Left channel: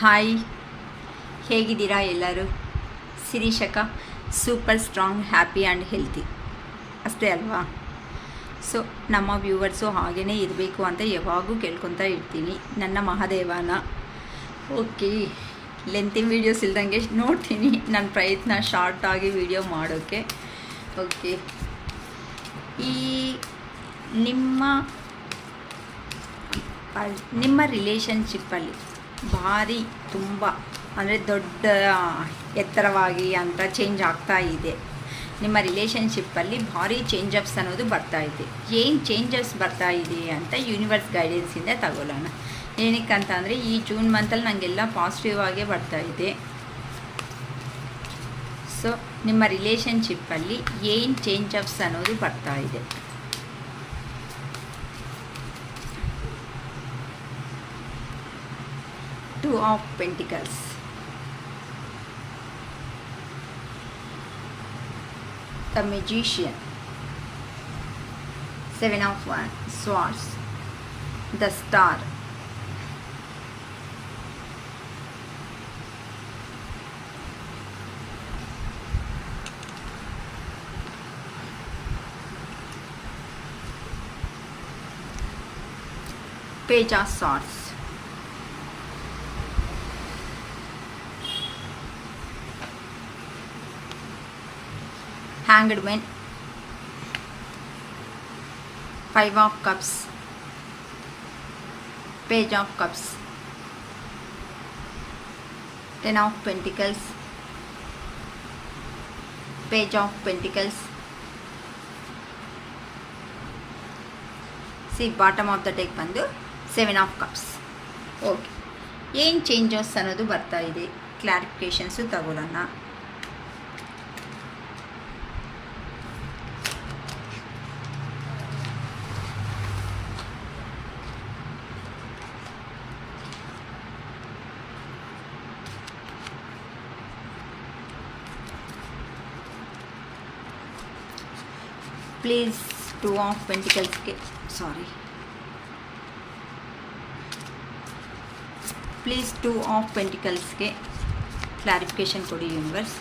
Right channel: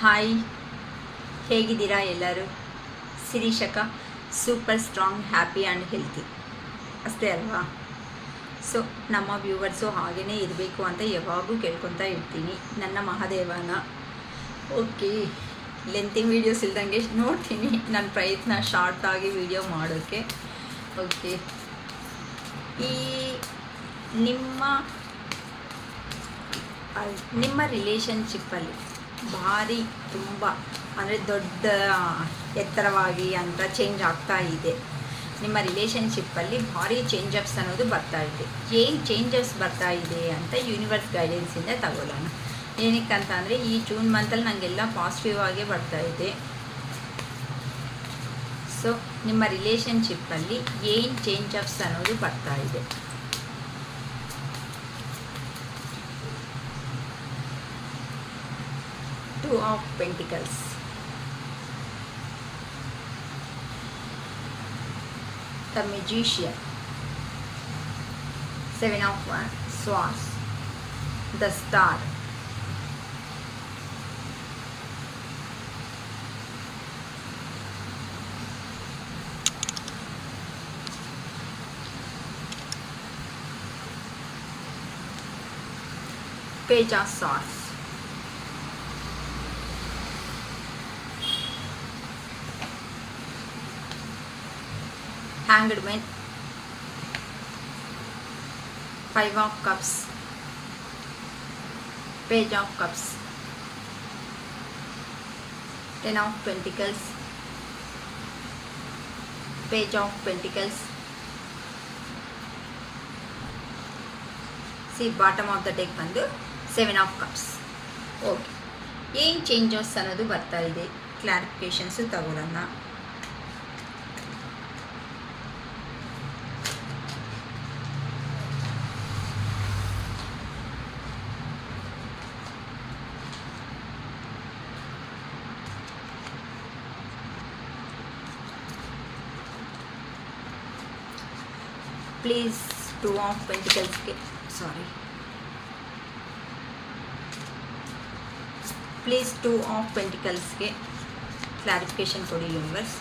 Hi, ಹೇಗಿದ್ದೀರಾ ಎಲ್ಲರೂ? ಶಿರೀಷಕ super strong, happy and healthy ಅಷ್ಟೇ ಅಲ್ವಾ? ಸೊ ನಮ್ಮ ವ್ಯೂವರ್ಸು ಹಾಗೇ ಇರಬೇಕು ಅಂತ ಯಾವಾಗೂ ಕೇಳ್ಕೊತಾ ಇರ್ತೀನಿ ನನ್ನ ಮಹಾದೇವನ. ಓಕೆ, ಲೆಂತಿನ ವೀಡಿಯೋಸ್ ಇಲ್ದಂಗೆ ನೋಡ್ತೀನಿ, ನನ್ನ ಪ್ರಯತ್ನ ಶಾರ್ಟಾಗಿ ವೀಡಿಯೋ ಮಾಡೋಕ್ಕೆ. ಓಕೆ, ಈ ನಿಮ್ಮ ರಿಲೇಷನ್ಶಿಪ್ಪಲ್ಲಿ ಭಾರಿ ತುಂಬ ಅಂದರೆ ದೊಡ್ಡ ಎತ್ತರವಾಗಿ ಅಂತ ಚೇಂಜ್ ಆಗ್ತಾ ಇದೆ. ನಿಮ್ಮ ರಿಲೇಷನ್ಶಿಪ್ಪಲ್ಲಿ ಭಾರಿ ಚೇಂಜಸ್ ಅನ್ನೋದು ಬರ್ತಾ ಇದೆ. ಏನು ಚೇಂಜಸ್ ಬರ್ತಾ ಇದೆ ಅಂತ ಯೂನಿವರ್ಸ್ ಗೈಡೆನ್ಸಿಂದ ತಗೊಳ್ಳೋಣ. ಏನಕ್ಕೆ ಅಂತ ಅಂದರೆ ಈ ಜೂನ್ ಮಂತಲ್ಲಿ ನನಗೆಲ್ಲ ಪಾಸಿಟಿವ್ ಆಗೇ ಬರ್ತಾ ಇದೆ. ಸೊ ನಿಮ್ಮ ರಿಲೇಷನ್ಶಿಪ್ಪಲ್ಲಿ ಏನು ಚೇಂಜಸ್ ಅನ್ನೋದು ಬರ್ತಾ ಇದೆ. Two of Pentacles, the Magician, Seven of Swords, the Star, Page of Swords, Hanged Man, Five of Cups, Page of Cups, Ten of Pentacles, Page of Pentacles. See, bottom of the deck ಬಂದು Seven of Cups. Okay, ಏನು changes ಅನ್ನೋದು ಬರ್ತಾ ಇದೆ, clarifications ತಗೊಳ್ಳೋಣ. Please two of ಪೆಂಟಿಕಲ್ಸ್ಗೆ please two of ಪೆಂಟಿಕಲ್ಸ್ಗೆ clarification ಕೊಡಿ universe.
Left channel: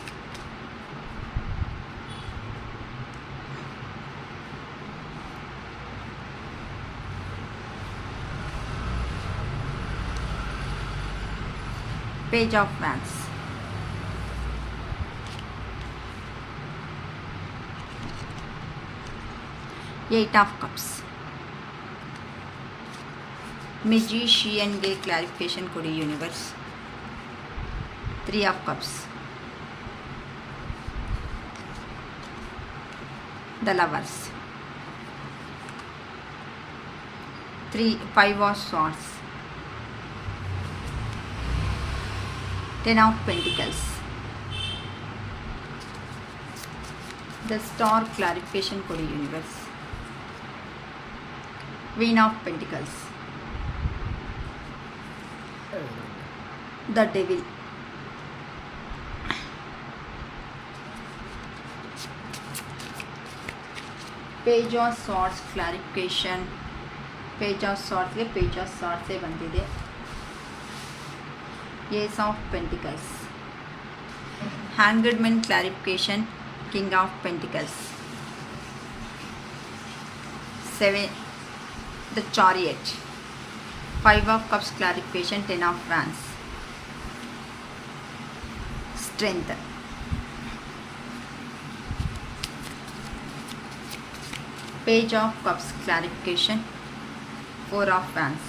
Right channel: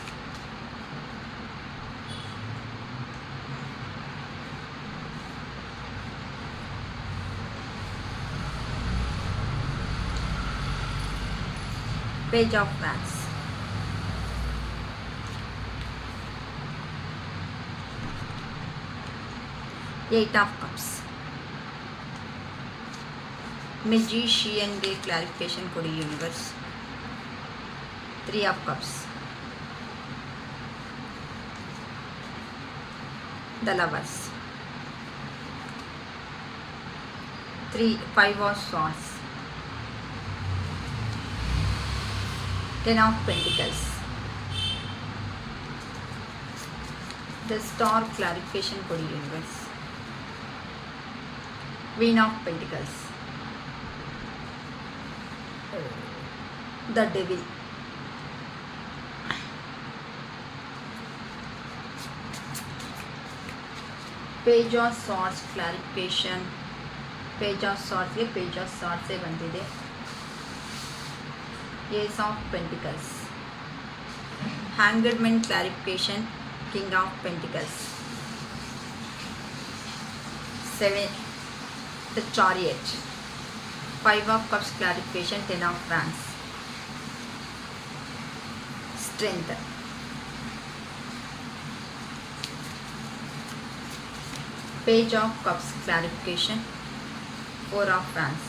Page of Wands, Eight of Cups, ಮೆಜಿಷಿಯನ್ಗೆ ಕ್ಲಾರಿಫಿಕೇಷನ್ ಕೊಡಿ universe. Three of Cups, the Lovers, Five of Swords, Ten of Pentacles, the Star clarification ಕೊಡಿ universe. Queen of Pentacles, the Devil, Page of Swords clarification. Page of Swords ಗೆ Page of Swords ಬಂದಿದೆ. Ace of Pentacles, Hanged Man clarification, King of Pentacles, Seven, the Chariot, Five of Cups clarification, Ten of Wands, Strength, Page of Cups clarification, Four of Wands,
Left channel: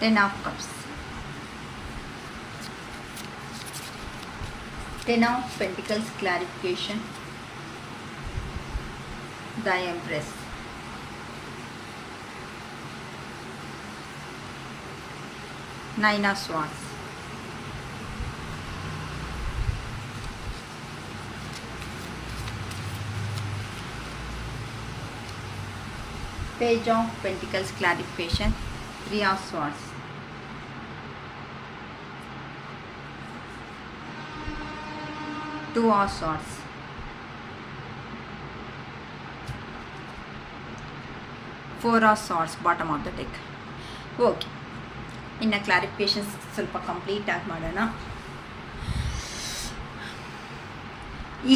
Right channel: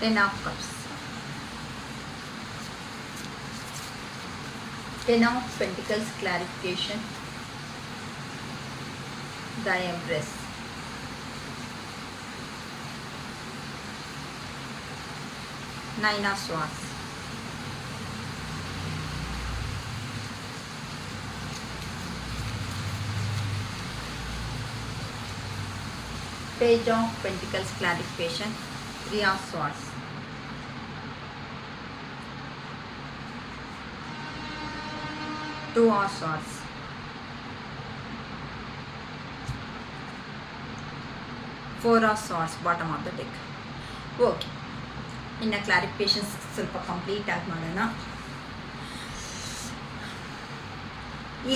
Ten of Cups, Ten of Pentacles clarification, the Empress, Nine of Swords, Page of Pentacles clarification, Three of Swords, Two of Swords, 4 of swords bottom of the deck. Okay, ಇನ್ನು clarifications ಸ್ವಲ್ಪ complete ಆಗಿ ಮಾಡೋಣ.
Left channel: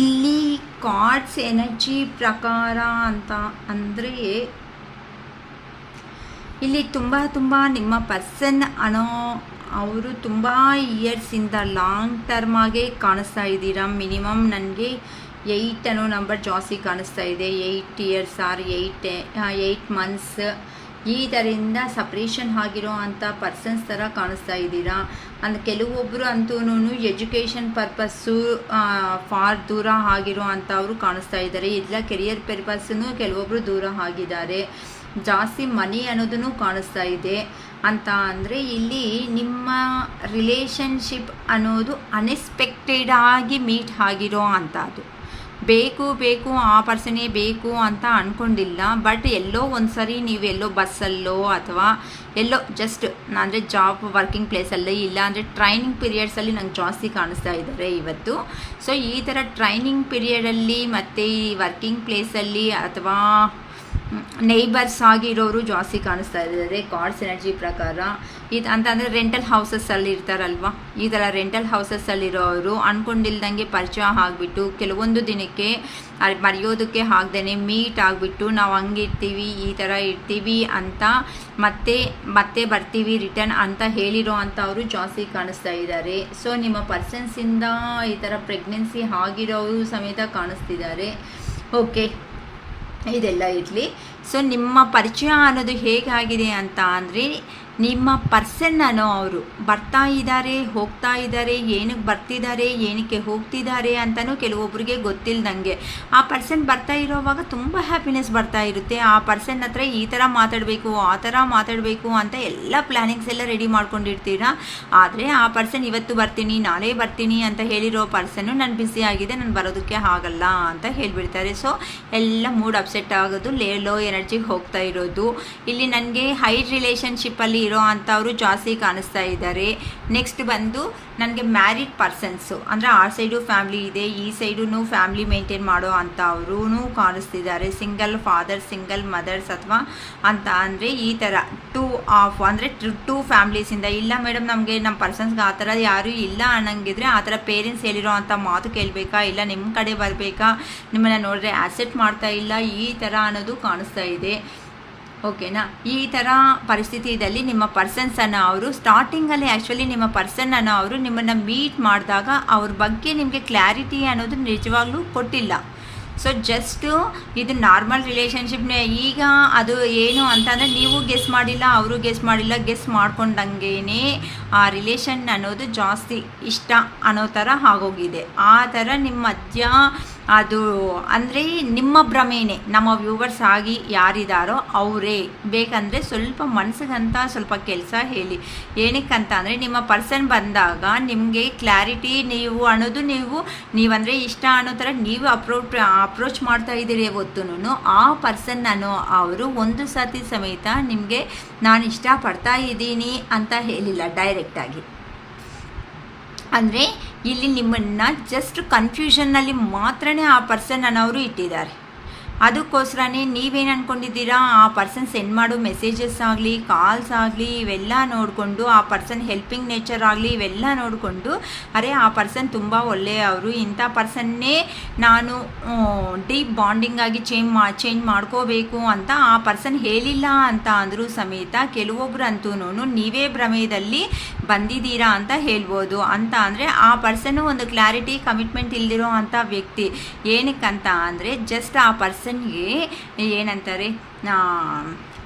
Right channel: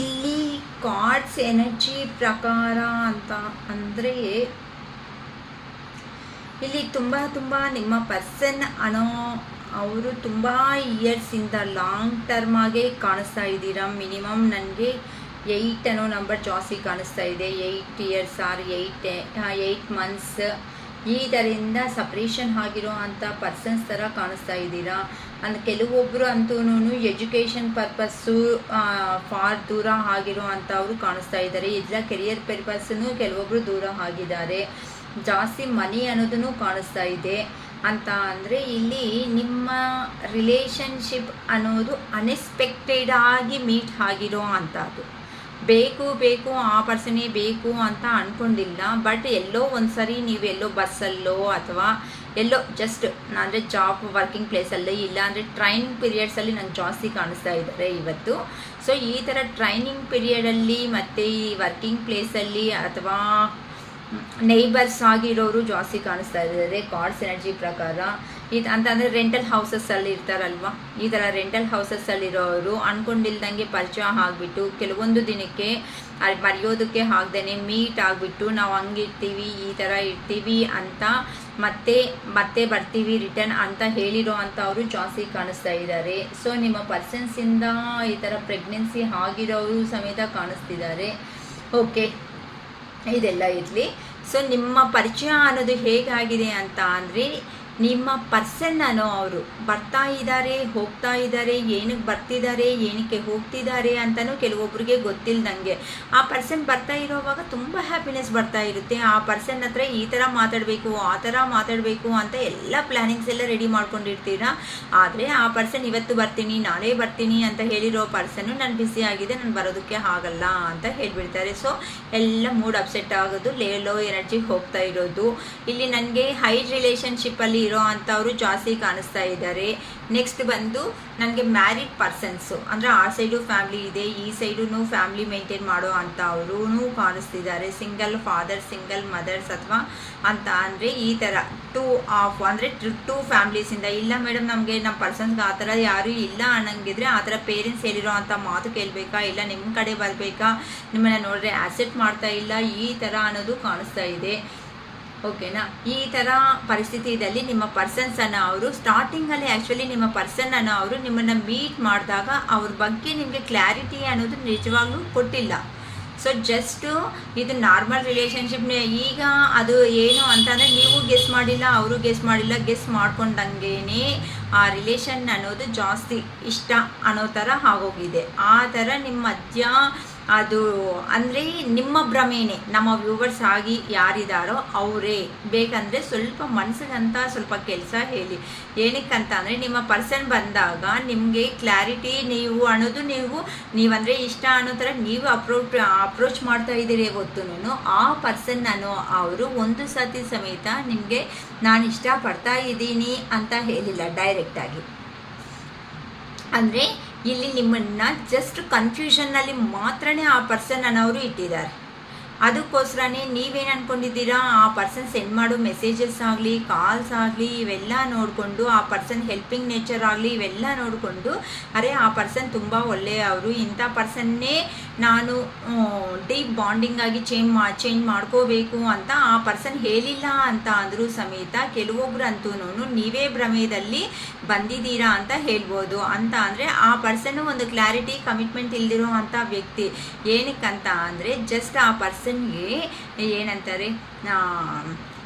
ಇಲ್ಲಿ cards energy ಪ್ರಕಾರ ಅಂತ ಅಂದರೆ ಇಲ್ಲಿ ತುಂಬ ನಿಮ್ಮ ಪರ್ಸನ್ ಅನ್ನೋ ಅವರು ತುಂಬ ಇಯರ್ಸಿಂದ ಲಾಂಗ್ ಟರ್ಮ್ ಆಗೇ ಕಾಣಿಸ್ತಾ ಇದ್ದೀರಾ. ಮಿನಿಮಮ್ ನನಗೆ 8 ಅನ್ನೋ ನಂಬರ್ ಜಾಸ್ತಿ ಕಾಣಿಸ್ತಾ ಇದೆ. 8 ಇಯರ್ಸ್ ಆರ್ 8 ಮಂತ್ಸ್ ಈ ಥರದಿಂದ ಸಪ್ರೇಷನ್ ಆಗಿರೋ ಅಂಥ ಪರ್ಸನ್ಸ್ ಥರ ಕಾಣಿಸ್ತಾ ಇದ್ದೀರಾ. ಅಂದರೆ ಕೆಲವೊಬ್ಬರು ಅಂತೂ ಎಜುಕೇಷನ್ ಪರ್ಪಸ್ಸು ಫಾರ್ ದೂರ ಆಗಿರೋ ಅಂಥವ್ರು ಕಾಣಿಸ್ತಾ ಇದ್ದಾರೆ. ಇಲ್ಲ ಕೆರಿಯರ್ ಪರ್ಪಸ್ಸನ್ನು ಕೆಲವೊಬ್ಬರು ದೂರ ಆಗಿದ್ದಾರೆ. ಜಾಸ್ತಿ ಮನಿ ಅನ್ನೋದನ್ನು ಕಾಣಿಸ್ತಾ ಇದೆ. ಅಂತ ಅಂದರೆ ಇಲ್ಲಿ ನಿಮ್ಮ ರಿಲೇಷನ್ಶಿಪ್ ಅನ್ನೋದು ಅನ್ಎಕ್ಸ್ಪೆಕ್ಟೆಡ್ ಆಗಿ ಮೀಟ್ ಆಗಿರೋ ಅಂಥದ್ದು. ಬೇಕು ಆ ಪರ್ಸನೇ ಬೇಕು ಅಂತ ಅಂದ್ಕೊಂಡಿಲ್ಲ, ಬಟ್ ಎಲ್ಲೋ ಒಂದು ಸರಿ ನೀವೆಲ್ಲೋ ಬಸ್ಸಲ್ಲೋ ಅಥವಾ ಎಲ್ಲೋ ಜಸ್ಟ್ ಅಂದರೆ ಜಾಬ್ ವರ್ಕಿಂಗ್ ಪ್ಲೇಸಲ್ಲಿ ಇಲ್ಲ ಅಂದರೆ ಟ್ರೈನಿಂಗ್ ಪೀರಿಯಡ್ಸಲ್ಲಿ ನಂಗೆ ಜಾಸ್ತಿ ಕಾಣಿಸ್ತಾ ಇದ್ದಾರೆ ಇವತ್ತು. ಸೊ ಈ ಥರ ಟ್ರೈನಿಂಗ್ ಪೀರಿಯಡಲ್ಲಿ ಮತ್ತು ಈ ವರ್ಕಿಂಗ್ ಪ್ಲೇಸಲ್ಲಿ ಅಥವಾ ನೇಬರ್ಸ್ ಆಗಿರೋರು ಜಾಸ್ತಿ ಕಾಣಿಸ್ತಾ ಇದ್ದಾರೆ ಕಾರ್ಡ್ಸ್ ಎನರ್ಜಿ ಪ್ರಕಾರ. ಇದು ಅಂತಂದರೆ ರೆಂಟಲ್ ಹೌಸಸ್ಸಲ್ಲಿ ಇರ್ತಾರಲ್ವ, ಈ ಥರ ರೆಂಟಲ್ ಹೌಸಸ್ಸಲ್ಲಿರೋರು ಅಂದ್ಕೊಂಡಿಲ್ದಂಗೆ ಪರಿಚಯ ಆಗಿಬಿಟ್ಟು ಕೆಲವೊಂದು ದಿನಕ್ಕೆ ಮರೆಯೋದಕ್ಕೆ ಆಗ್ದೇ ಮೀಟ್ ಆಗಿಬಿಟ್ಟು ನಾವು ಹಂಗಿರ್ತೀವಿ ಈ ಥರ ಇರ್ತೀವಿ ಅಂತ ಮತ್ತೆ ಬರ್ತೀವಿ ರಿಟರ್ನ್ ಅಂತ ಹೇಳಿರೋ ಅಂಥವರು ಜಾಸ್ತಿ ಕಾಣಿಸ್ತಾ ಇದ್ದಾರೆ. ಸೊ ನಿಮ್ಮ ಪರ್ಸನ್ಸಿಂದ ಈ ಥರ ಪ್ರೆಗ್ನೆನ್ಸಿ ಆಗಿರೋರು ಸಮೇತ ಕಾಣಿಸ್ತಿದ್ದಾರೆ. ಓಕೆ, ಇದೆಲ್ಲ ಇರಲಿ. ಸೊ ನಿಮ್ಮ ಪರಿಚಯ ಅನ್ನೋದು ಹೇಗಾಗಿದೆ ಅಂತ ಅಂದರೆ ನಿಮ್ಮ ಪರ್ಸನ್ ಅನ್ನೋ ಅವರು ಬರ್ತಾ ಇದ್ದಾರೆ ಹೋಗ್ತಾ ಇದ್ದಾರೆ, ಏನಕ್ಕೆ ಬರ್ತಿದ್ದಾರೆ ಏನಕ್ಕೆ ಹೋಗ್ತಿದ್ದಾರೆ ಅಂತಲೂ ಕೆಲವೊಬ್ಬರಿಗೆ ಗೊತ್ತಿಲ್ಲದಂಗೆ ಆ ಪರ್ಸನ್ ಬರ್ತಾ ಇರೋವಾಗ ತುಂಬ ಹ್ಯಾಪಿನೆಸ್ ಬರ್ತಾ ಇರುತ್ತೆ. ಆ ಪರ್ಸನ್ ಹತ್ರ ಈ ಥರ ಮಾತಾಡಬೇಕು ಆ ಥರ ಮಾತಾಡಬೇಕು ಅಂತ ಎಲ್ಲ ಪ್ಲ್ಯಾನಿಂಗ್ಸ್ ಎಲ್ಲ ರೆಡಿ ಮಾಡ್ಕೊಂಡಿರ್ತೀರಾ. ಆದರೆ ಆ ಪರ್ಸನ್ ಇವತ್ತು ಬರ್ತೀನಿ ನಾಳೆ ಬರ್ತೀನಿ ಅಂತ ಹೇಳಿರೋ ಪರ್ಸನ್ನು ನಾನು ಬ್ಯುಸಿ ಆಗಿದೆ ನಾನು ಬರೋದಕ್ಕೆ ಆಗಲ್ಲ ಅಂತ ಹೇಳಿಬಿಡ್ತಾರೆ. ಸೊ ಎಲ್ಲ ಮೂಡ್ ಅಪ್ಸೆಟ್ ಆಗೋದು, ಲೋ ಎನರ್ಜಿಗೆ ಹೋಗ್ತಾ ಇರೋದು. ಇಲ್ಲಿ ನನಗೆ ಹೈ ರಿಲೇಷನ್ಶಿಪ್ಪಲ್ಲಿ ಇರೋ ಅಂಥವರು ಜಾಸ್ತಿ ಕಾಣಿಸ್ತಾ ಇದ್ದಾರೆ. ನೆಕ್ಸ್ಟ್ ಬಂದು ನನಗೆ ಮ್ಯಾರಿಡ್ ಪರ್ಸನ್ಸು ಅಂದರೆ ಆ ಸೈಡು ಫ್ಯಾಮ್ಲಿ ಇದೆ, ಈ ಸೈಡು ಫ್ಯಾಮ್ಲಿ ಮೇಂಟೈನ್ ಮಾಡೋ ಅಂಥವ್ರೂ ಕಾಣಿಸ್ತಿದ್ದಾರೆ. ಸಿಂಗಲ್ ಫಾದರ್ ಸಿಂಗಲ್ ಮದರ್ಸ್ ಅಥವಾ ಅಂತ ಅಂದರೆ ಈ ಥರ ಟೂ ಫ್ಯಾಮ್ಲೀಸಿಂದ. ಇಲ್ಲ ಮೇಡಮ್ ನಮಗೆ ನಮ್ಮ ಪರ್ಸನ್ಸ್ಗೆ ಆ ಥರ ಯಾರೂ ಇಲ್ಲ ಅನ್ನಂಗಿದ್ರೆ ಆ ಥರ ಪೇರೆಂಟ್ಸ್ ಹೇಳಿರೋ ಅಂಥ ಮಾತು ಕೇಳಬೇಕಾ, ಇಲ್ಲ ನಿಮ್ಮ ಕಡೆ ಬರಬೇಕಾ, ನಿಮ್ಮನ್ನು ನೋಡಿದ್ರೆ ಆ್ಯಸೆಪ್ಟ್ ಮಾಡ್ತಾ ಇಲ್ಲ ಈ ಥರ ಅನ್ನೋದು ಕಾಣಿಸ್ತಾ ಇದೆ. ಓಕೆನಾ, ಈ ಥರ ಪರಿಸ್ಥಿತಿಯಲ್ಲಿ ನಿಮ್ಮ ಪರ್ಸನ್ಸನ್ನು ಅವರು ಸ್ಟಾರ್ಟಿಂಗಲ್ಲಿ ಆ್ಯಕ್ಚುಲಿ ನಿಮ್ಮ ಪರ್ಸನ್ನನ್ನು ಅವರು ನಿಮ್ಮನ್ನು ಮೀಟ್ ಮಾಡಿದಾಗ ಅವ್ರ ಬಗ್ಗೆ ನಿಮಗೆ ಕ್ಲಾರಿಟಿ ಅನ್ನೋದು ನಿಜವಾಗ್ಲೂ ಕೊಟ್ಟಿಲ್ಲ. ಸೊ ಜಸ್ಟು ಇದು ನಾರ್ಮಲ್ ರಿಲೇಷನ್ಶಿಪ್ನೇ. ಈಗ ಅದು ಏನು ಅಂತಂದರೆ ನೀವು ಗೆಸ್ ಮಾಡಿಲ್ಲ ಅವರು ಗೆಸ್ ಮಾಡಿಲ್ಲ, ಗೆಸ್ ಮಾಡ್ಕೊಂಡಂಗೇ ಆ ರಿಲೇಷನ್ ಅನ್ನೋದು ಜಾಸ್ತಿ ಇಷ್ಟ ಅನ್ನೋ ಥರ ಆಗೋಗಿದೆ. ಆ ಥರ ನಿಮ್ಮ ಮಧ್ಯ ಅದು ಅಂದರೆ ನಿಮ್ಮ ಭ್ರಮೆನೇ. ನಮ್ಮ ವ್ಯೂವರ್ಸ್ ಆಗಿ ಯಾರಿದ್ದಾರೋ ಅವರೇ ಬೇಕಂದರೆ ಸ್ವಲ್ಪ ಮನಸ್ಸಿಗಂತ ಸ್ವಲ್ಪ ಕೆಲಸ ಹೇಳಿ. ಏನಕ್ಕಂತ ಅಂದರೆ ನಿಮ್ಮ ಪರ್ಸನ್ ಬಂದಾಗ ನಿಮಗೆ ಕ್ಲಾರಿಟಿ ನೀವು ಅನ್ನೋದು ನೀವಂದರೆ ಇಷ್ಟ ಅನ್ನೋ ಥರ ನೀವು ಅಪ್ರೋಚ್ ಮಾಡ್ತಾ ಇದ್ದೀರಿ ಹೊತ್ತುನು ಆ ಪರ್ಸನ್ ಅನ್ನೋ ಅವರು ಒಂದು ಸತಿ ಸಮೇತ ನಿಮಗೆ ನಾನು ಇಷ್ಟಪಡ್ತಾ ಇದ್ದೀನಿ ಅಂತ ಹೇಳಿಲ್ಲ ಡೈರೆಕ್ಟಾಗಿ. ಅಂದರೆ ಇಲ್ಲಿ ನಿಮ್ಮನ್ನು ಜಸ್ಟ್ ಕನ್ಫ್ಯೂಷನ್ನಲ್ಲಿ ಮಾತ್ರನೇ ಆ ಪರ್ಸನ್ ಅನ್ನೋರು ಇಟ್ಟಿದ್ದಾರೆ. ಅದಕ್ಕೋಸ್ಕರನೇ ನೀವೇನು ಅಂದ್ಕೊಂಡಿದ್ದೀರಾ, ಆ ಪರ್ಸನ್ ಸೆಂಡ್ ಮಾಡೋ ಮೆಸೇಜಸ್ ಆಗಲಿ ಕಾಲ್ಸ್ ಆಗಲಿ ಇವೆಲ್ಲ ನೋಡಿಕೊಂಡು ಆ ಪರ್ಸನ್ ಹೆಲ್ಪಿಂಗ್ ನೇಚರ್ ಆಗಲಿ ಇವೆಲ್ಲ ನೋಡಿಕೊಂಡು ಅರೆ ಆ ಪರ್ಸನ್ ತುಂಬ ಒಳ್ಳೆಯವರು, ಇಂಥ ಪರ್ಸನ್ನೇ ನಾನು ಡೀಪ್ ಬಾಂಡಿಂಗ್ ಆಗಿ ಚೇಂಜ್ ಮಾಡ್ಕೋಬೇಕು ಅಂತ ಆ ಪರ್ಸನ್ ಹೇಳಿಲ್ಲ ಅಂತ ಅಂದರೂ ಸಮೇತ ಕೆಲವೊಬ್ರು ಅಂತೂ ನೀವೇ ಭ್ರಮೆಯಲ್ಲಿ ಬಂದಿದ್ದೀರಾ ಅಂತ ಹೇಳ್ಬೋದು. ಅಂತ ಅಂದರೆ ಆ ಪರ್ಸನ್ನು ಒಂದು ಕ್ಲಾರಿಟಿ ಕಮಿಟ್ಮೆಂಟ್ ಇಲ್ದಿರೋ ಅಂಥ ವ್ಯಕ್ತಿ. ಏನಕ್ಕಂತ ಅಂದರೆ ಜಸ್ಟ್ ಆ ಪರ್ಸನ್ಗೆ ಏನಂತಾರೆ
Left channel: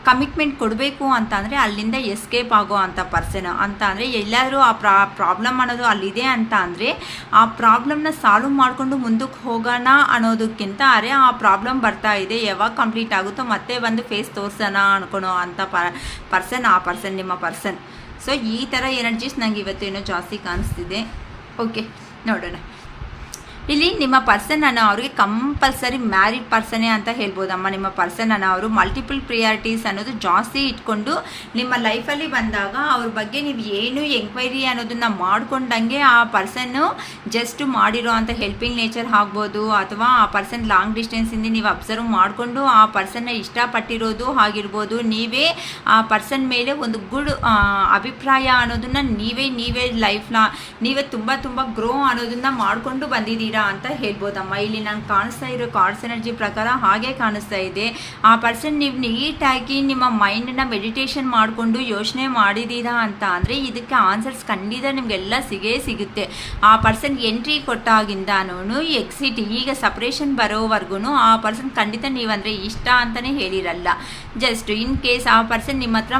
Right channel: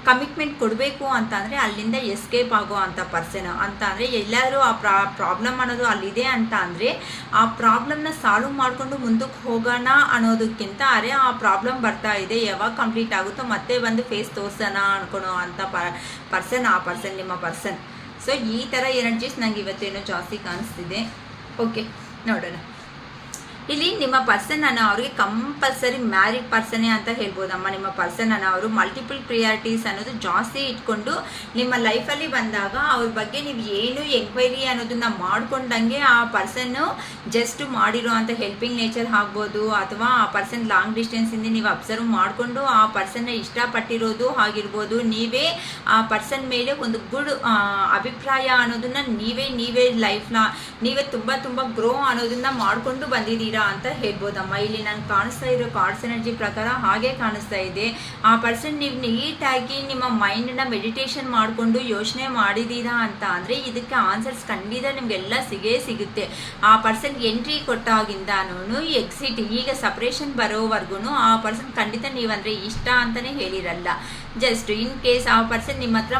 ಕಮಿಟ್ಮೆಂಟ್ ಕೊಡಬೇಕು ಅಂತ ಅಂದರೆ ಅಲ್ಲಿಂದ ಎಸ್ಕೇಪ್ ಆಗೋ ಅಂಥ ಪರ್ಸನ್. ಅಂತ ಅಂದರೆ ಎಲ್ಲರೂ ಆ ಪ್ರಾಬ್ಲಮ್ ಅನ್ನೋದು ಅಲ್ಲಿದೆ ಅಂತ ಅಂದರೆ ಆ ಪ್ರಾಬ್ಲಮ್ನ ಸಾಲ್ವ್ ಮಾಡಿಕೊಂಡು ಮುಂದಕ್ಕೆ ಹೋಗೋಣ ಅನ್ನೋದಕ್ಕಿಂತ ಅರೆ ಆ ಪ್ರಾಬ್ಲಮ್ ಬರ್ತಾ ಇದೆ ಯಾವಾಗ ಕಂಪ್ಲೀಟ್ ಆಗುತ್ತೋ ಮತ್ತೆ ಒಂದು ಫೇಸ್ ತೋರಿಸೋಣ ಅನ್ಕೊಳೋ ಅಂಥ ಪರ್ಸನ್ ಆ ಪರ್ಸನ್ ನಿಮ್ಮ ಪರ್ಸನ್. ಸೊ ಈ ಥರ ಎನರ್ಜೀಸ್ ನಂಗೆ ಇವತ್ತೇನೋ ಜಾಸ್ತಿ ಕಾಣಿಸ್ತಿದೆ. ಓಕೆ, ನೋಡೋಣ. ಇಲ್ಲಿ ನಿಮ್ಮ ಪರ್ಸನ್ ಅನ್ನೋ ಅವ್ರಿಗೆ ಕಂಪಲ್ಸರಿ ಮ್ಯಾರಿಡ್ ಪರ್ಸನೇ ಅಂತ ಹೇಳ್ಬೋದಮ್ಮ. ನಿಮ್ಮ ಪರ್ಸನ್ ಅನ್ನೋ ಅವರು ಮಲ್ಟಿಪಲ್ ಪ್ರಿಯಾರಿಟೀಸ್ ಅನ್ನೋದು ಜಾಸ್ತಿ ಇಟ್ಕೊಂಡು ನಿಮ್ಮ ಲೈಫಲ್ಲಿ ಬಂದಾಗ ಅವ್ರ ಬಗ್ಗೆ ನೀವು ಏನು ಎಂಕ್ವೈರಿ ಅನ್ನೋದನ್ನ ಮಾಡ್ಕೊಂಡಂಗೆ ಆ ಪರ್ಸನ್ನು ಜಸ್ಟ್ ಮಾಡಿರೋ ಅಂತ ಹೆಲ್ಪಿಂಗ್ ನೇಚರ್ ಆಗ್ಬೋದು, ಅಥವಾ ಆ ಪರ್ಸನ್ ಲಾಂಗ್ ಡಿಸ್ಟೆನ್ಸಿಂದ ನೀವು ಅಬ್ಸರ್ವ್ ಮಾಡಿಕೊಂಡು ಆ ಪರ್ಸನ್ನ ಇಷ್ಟಪಟ್ಟಿರೋದು ಆಗಿರ್ಬೋದು. ನೀವೇ ಆ ಪರ್ಸನ್ ಮೇಲೆ ಒಂದು ಗುಡ್ ಅಭಿಪ್ರಾಯ ಅನ್ನೋದನ್ನ ನೀವೇ ಲೈಫ್ನ ನೀವೇ ತುಂಬ ಗ್ರೋ ಅನ್ನೋದನ್ನ ಮಾಡ್ಕೊಂಡು ಬಂದಿದ್ದೀರಾ ಅಂತ ಹೇಳ್ಬೋದಮ್ಮ. ಇಲ್ಲಿ ನಾನು ಕಾಣಿಸ್ತಾ ಇರೋ ಕಾರ್ಡ್ಸ್ ಎನರ್ಜಿ ಪ್ರಕಾರ ಹಾಗೆ ಕಾಣಿಸ್ತಾ ಇದೆ. ಆ ಪರ್ಸನ್ ನೀವು ನೀಟಾಗಿ ನಿಮ್ಮ ಮೈಂಡನ್ನ ಮೆಡಿಟೇಷನ್ ಮಾಡಿಕೊಂಡು ಯೋಚನೆ ಮಾಡಿದ್ದೀರಾ ಅಂತ ಅಂದರೆ ಇದಕ್ಕೆ ಆನ್ಸರ್ಸ್ ಖಂಡಿತ ನಿಮಗೆಲ್ಲ ಸಿಗುತ್ತೆ. ಆ ಪರ್ಸನ್ ಎಂಟ್ರಿ ಕೊಟ್ಟಾಗಿಂದನೂ ಎಕ್ಸಿಟ್ ಈಗ ಸಪ್ರೇಷನ್ ಬರೋವರೆಗೂ ಆ ಪರ್ಸನ್ ಖಂಡಿತ ನೀವಂದರೆ ಇಷ್ಟ ಅಂತಲೇ ಹೇಳಿರಲ್ಲ. ಜಸ್ಟ್ ಇನ್ ಕೇಸ್ ಆ ಪರ್ಸನ್ ನಿಮ್ಮ ಹತ್ರ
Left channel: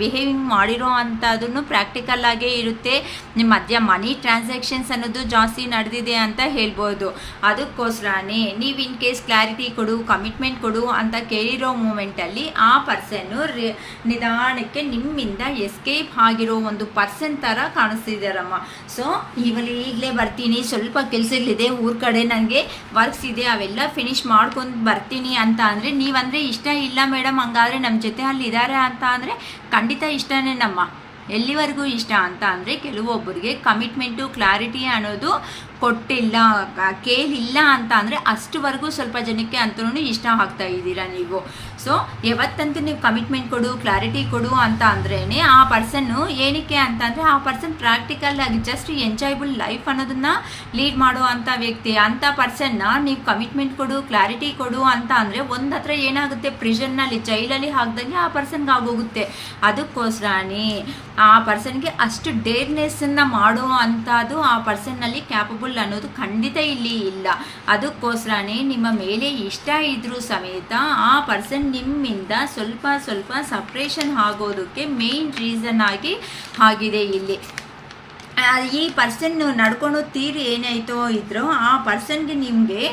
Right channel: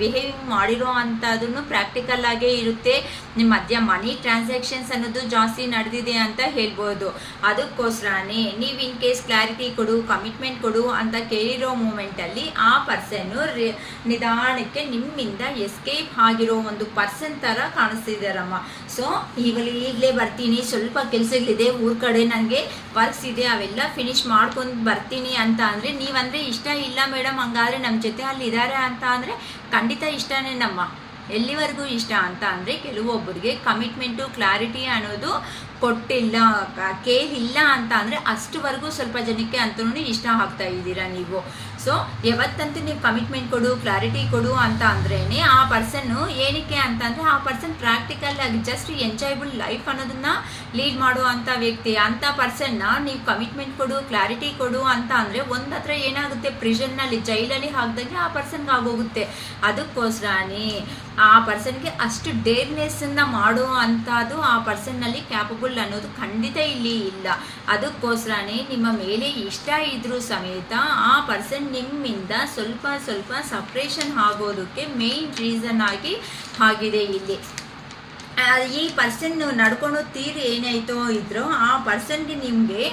ಬಿಹೇವಿಂಗ್ ಮಾಡಿರೋ ಅಂಥದ್ದನ್ನು ಪ್ರಾಕ್ಟಿಕಲ್ ಆಗೇ ಇರುತ್ತೆ. ನಿಮ್ಮ ಮಧ್ಯ ಮನಿ ಟ್ರಾನ್ಸಾಕ್ಷನ್ಸ್ ಅನ್ನೋದು ಜಾಸ್ತಿ ನಡೆದಿದೆ ಅಂತ ಹೇಳ್ಬೋದು. ಅದಕ್ಕೋಸ್ಕರನೇ ನೀವು ಇನ್ ಕೇಸ್ ಕ್ಲಾರಿಟಿ ಕೊಡು, ಕಮಿಟ್ಮೆಂಟ್ ಕೊಡು ಅಂತ ಕೇಳಿರೋ ಮೂಮೆಂಟಲ್ಲಿ ಆ ಪರ್ಸನ್ನು ನಿಧಾನಕ್ಕೆ ನಿಮ್ಮಿಂದ ಎಸ್ಕೇಪ್ ಆಗಿರೋ ಒಂದು ಪರ್ಸನ್ ಥರ ಕಾಣಿಸ್ತಿದ್ದಾರಮ್ಮ. ಸೊ ಈಗಲೇ ಬರ್ತೀನಿ, ಸ್ವಲ್ಪ ಕೆಲಸಗಳಿದೆ, ಊರ ಕಡೆ ನನಗೆ ವರ್ಕ್ಸ್ ಇದೆ, ಅವೆಲ್ಲ ಫಿನಿಶ್ ಮಾಡ್ಕೊಂಡು ಬರ್ತೀನಿ ಅಂತ ಅಂದರೆ ನೀವಂದರೆ ಇಷ್ಟ ಇಲ್ಲ ಮೇಡಮ್, ಹಂಗಾದ್ರೆ ನಮ್ಮ ಜೊತೆ ಅಲ್ಲಿ ಇದ್ದಾರೆ ಅಂತ ಅಂದರೆ ಖಂಡಿತ ಇಷ್ಟನೇ ನಮ್ಮ. ಎಲ್ಲಿವರೆಗೂ ಇಷ್ಟ ಅಂತ ಅಂದರೆ ಕೆಲವೊಬ್ಬರಿಗೆ ಕಮಿಟ್ಮೆಂಟು ಕ್ಲಾರಿಟಿ ಅನ್ನೋದು ಕೊಟ್ಟಿಲ್ಲ, ಕೇಳಿಲ್ಲ ಅಂತ ಅಂದರೆ ಅಷ್ಟುವರೆಗೂ ಸ್ವಲ್ಪ ಜನಕ್ಕೆ ಅಂತೂ ಇಷ್ಟ ಆಗ್ತಾ ಇದ್ದೀರಾ ನೀವು. ಸೊ ಯಾವತ್ತಂತೂ ನೀವು ಕಮಿಟ್ಮೆಂಟ್ ಕೊಡು, ಕ್ಲಾರಿಟಿ ಕೊಡು ಅಂತ ಅಂದ್ರೇ ಆ ಪರ್ಸನ್ನು ಏನಕ್ಕೆ ಅಂತ ಅಂದರೆ ಆ ಪರ್ಸನ್ ಪ್ರಾಕ್ಟಿಕಲ್ ಆಗಿ ಜಸ್ಟ್ ಎಂಜಾಯಬಲ್ ಲೈಫ್ ಅನ್ನೋದನ್ನ ಲೀಡ್ ಮಾಡುವಂಥ ವ್ಯಕ್ತಿ. ಅಂಥ ಪರ್ಸನ್ನ ನೀವು ಕಮಿಟ್ಮೆಂಟ್ ಕೊಡು, ಕ್ಲಾರಿಟಿ ಕೊಡು ಅಂತ ಅಂದರೆ ಒಂದು ಹತ್ರ ಏನಾಗುತ್ತೆ, ಪ್ರಿಸನ್ನಲ್ಲಿ ಜೈಲಲ್ಲಿ ಹಾಕ್ದಂಗೆ ಆ ಪರ್ಸನ್ಗೆ ಆಗೋಗುತ್ತೆ. ಅದಕ್ಕೋಸ್ಕರನೇ ಆ ಪರ್ಸನ್ಗೆ ಅಷ್ಟು ಡೇರ್ನೆಸ್ಸನ್ನು ಮಾಡೋ ಅಂಥದ್ದು ಆ ಪರ್ಸನ್ನಲ್ಲಿ ಕ್ಯಾಪಬಲ್ ಅನ್ನೋದು ಖಂಡಿತ ಇಲ್ಲಿ ಇಲ್ಲ. ಅದಕ್ಕೋಸ್ಕರನೇ ನಿಮ್ಮ ಮೇಲೆ ಇಷ್ಟ ಇದ್ರೂ ಸಮೇತ ಆ ಪರ್ಸನ್ ನಿಮ್ಮಿಂದ ಸ್ವಲ್ಪ ಸಪ್ರೇಷನ್ ಆಗೋದಕ್ಕೆ ಮೇನ್ ರೀಸನ್ ಆಗಿದೆ ಇಲ್ಲಿ. ಈ ಪರ್ಸನ್ ನಡ್ಕೊಂಡು ತೀರಿ ಏನಾಯ್ತೋ ಇದ್ರೋ ಆ ಪರ್ಸನ್ಗೆ ನಿಮಗೆ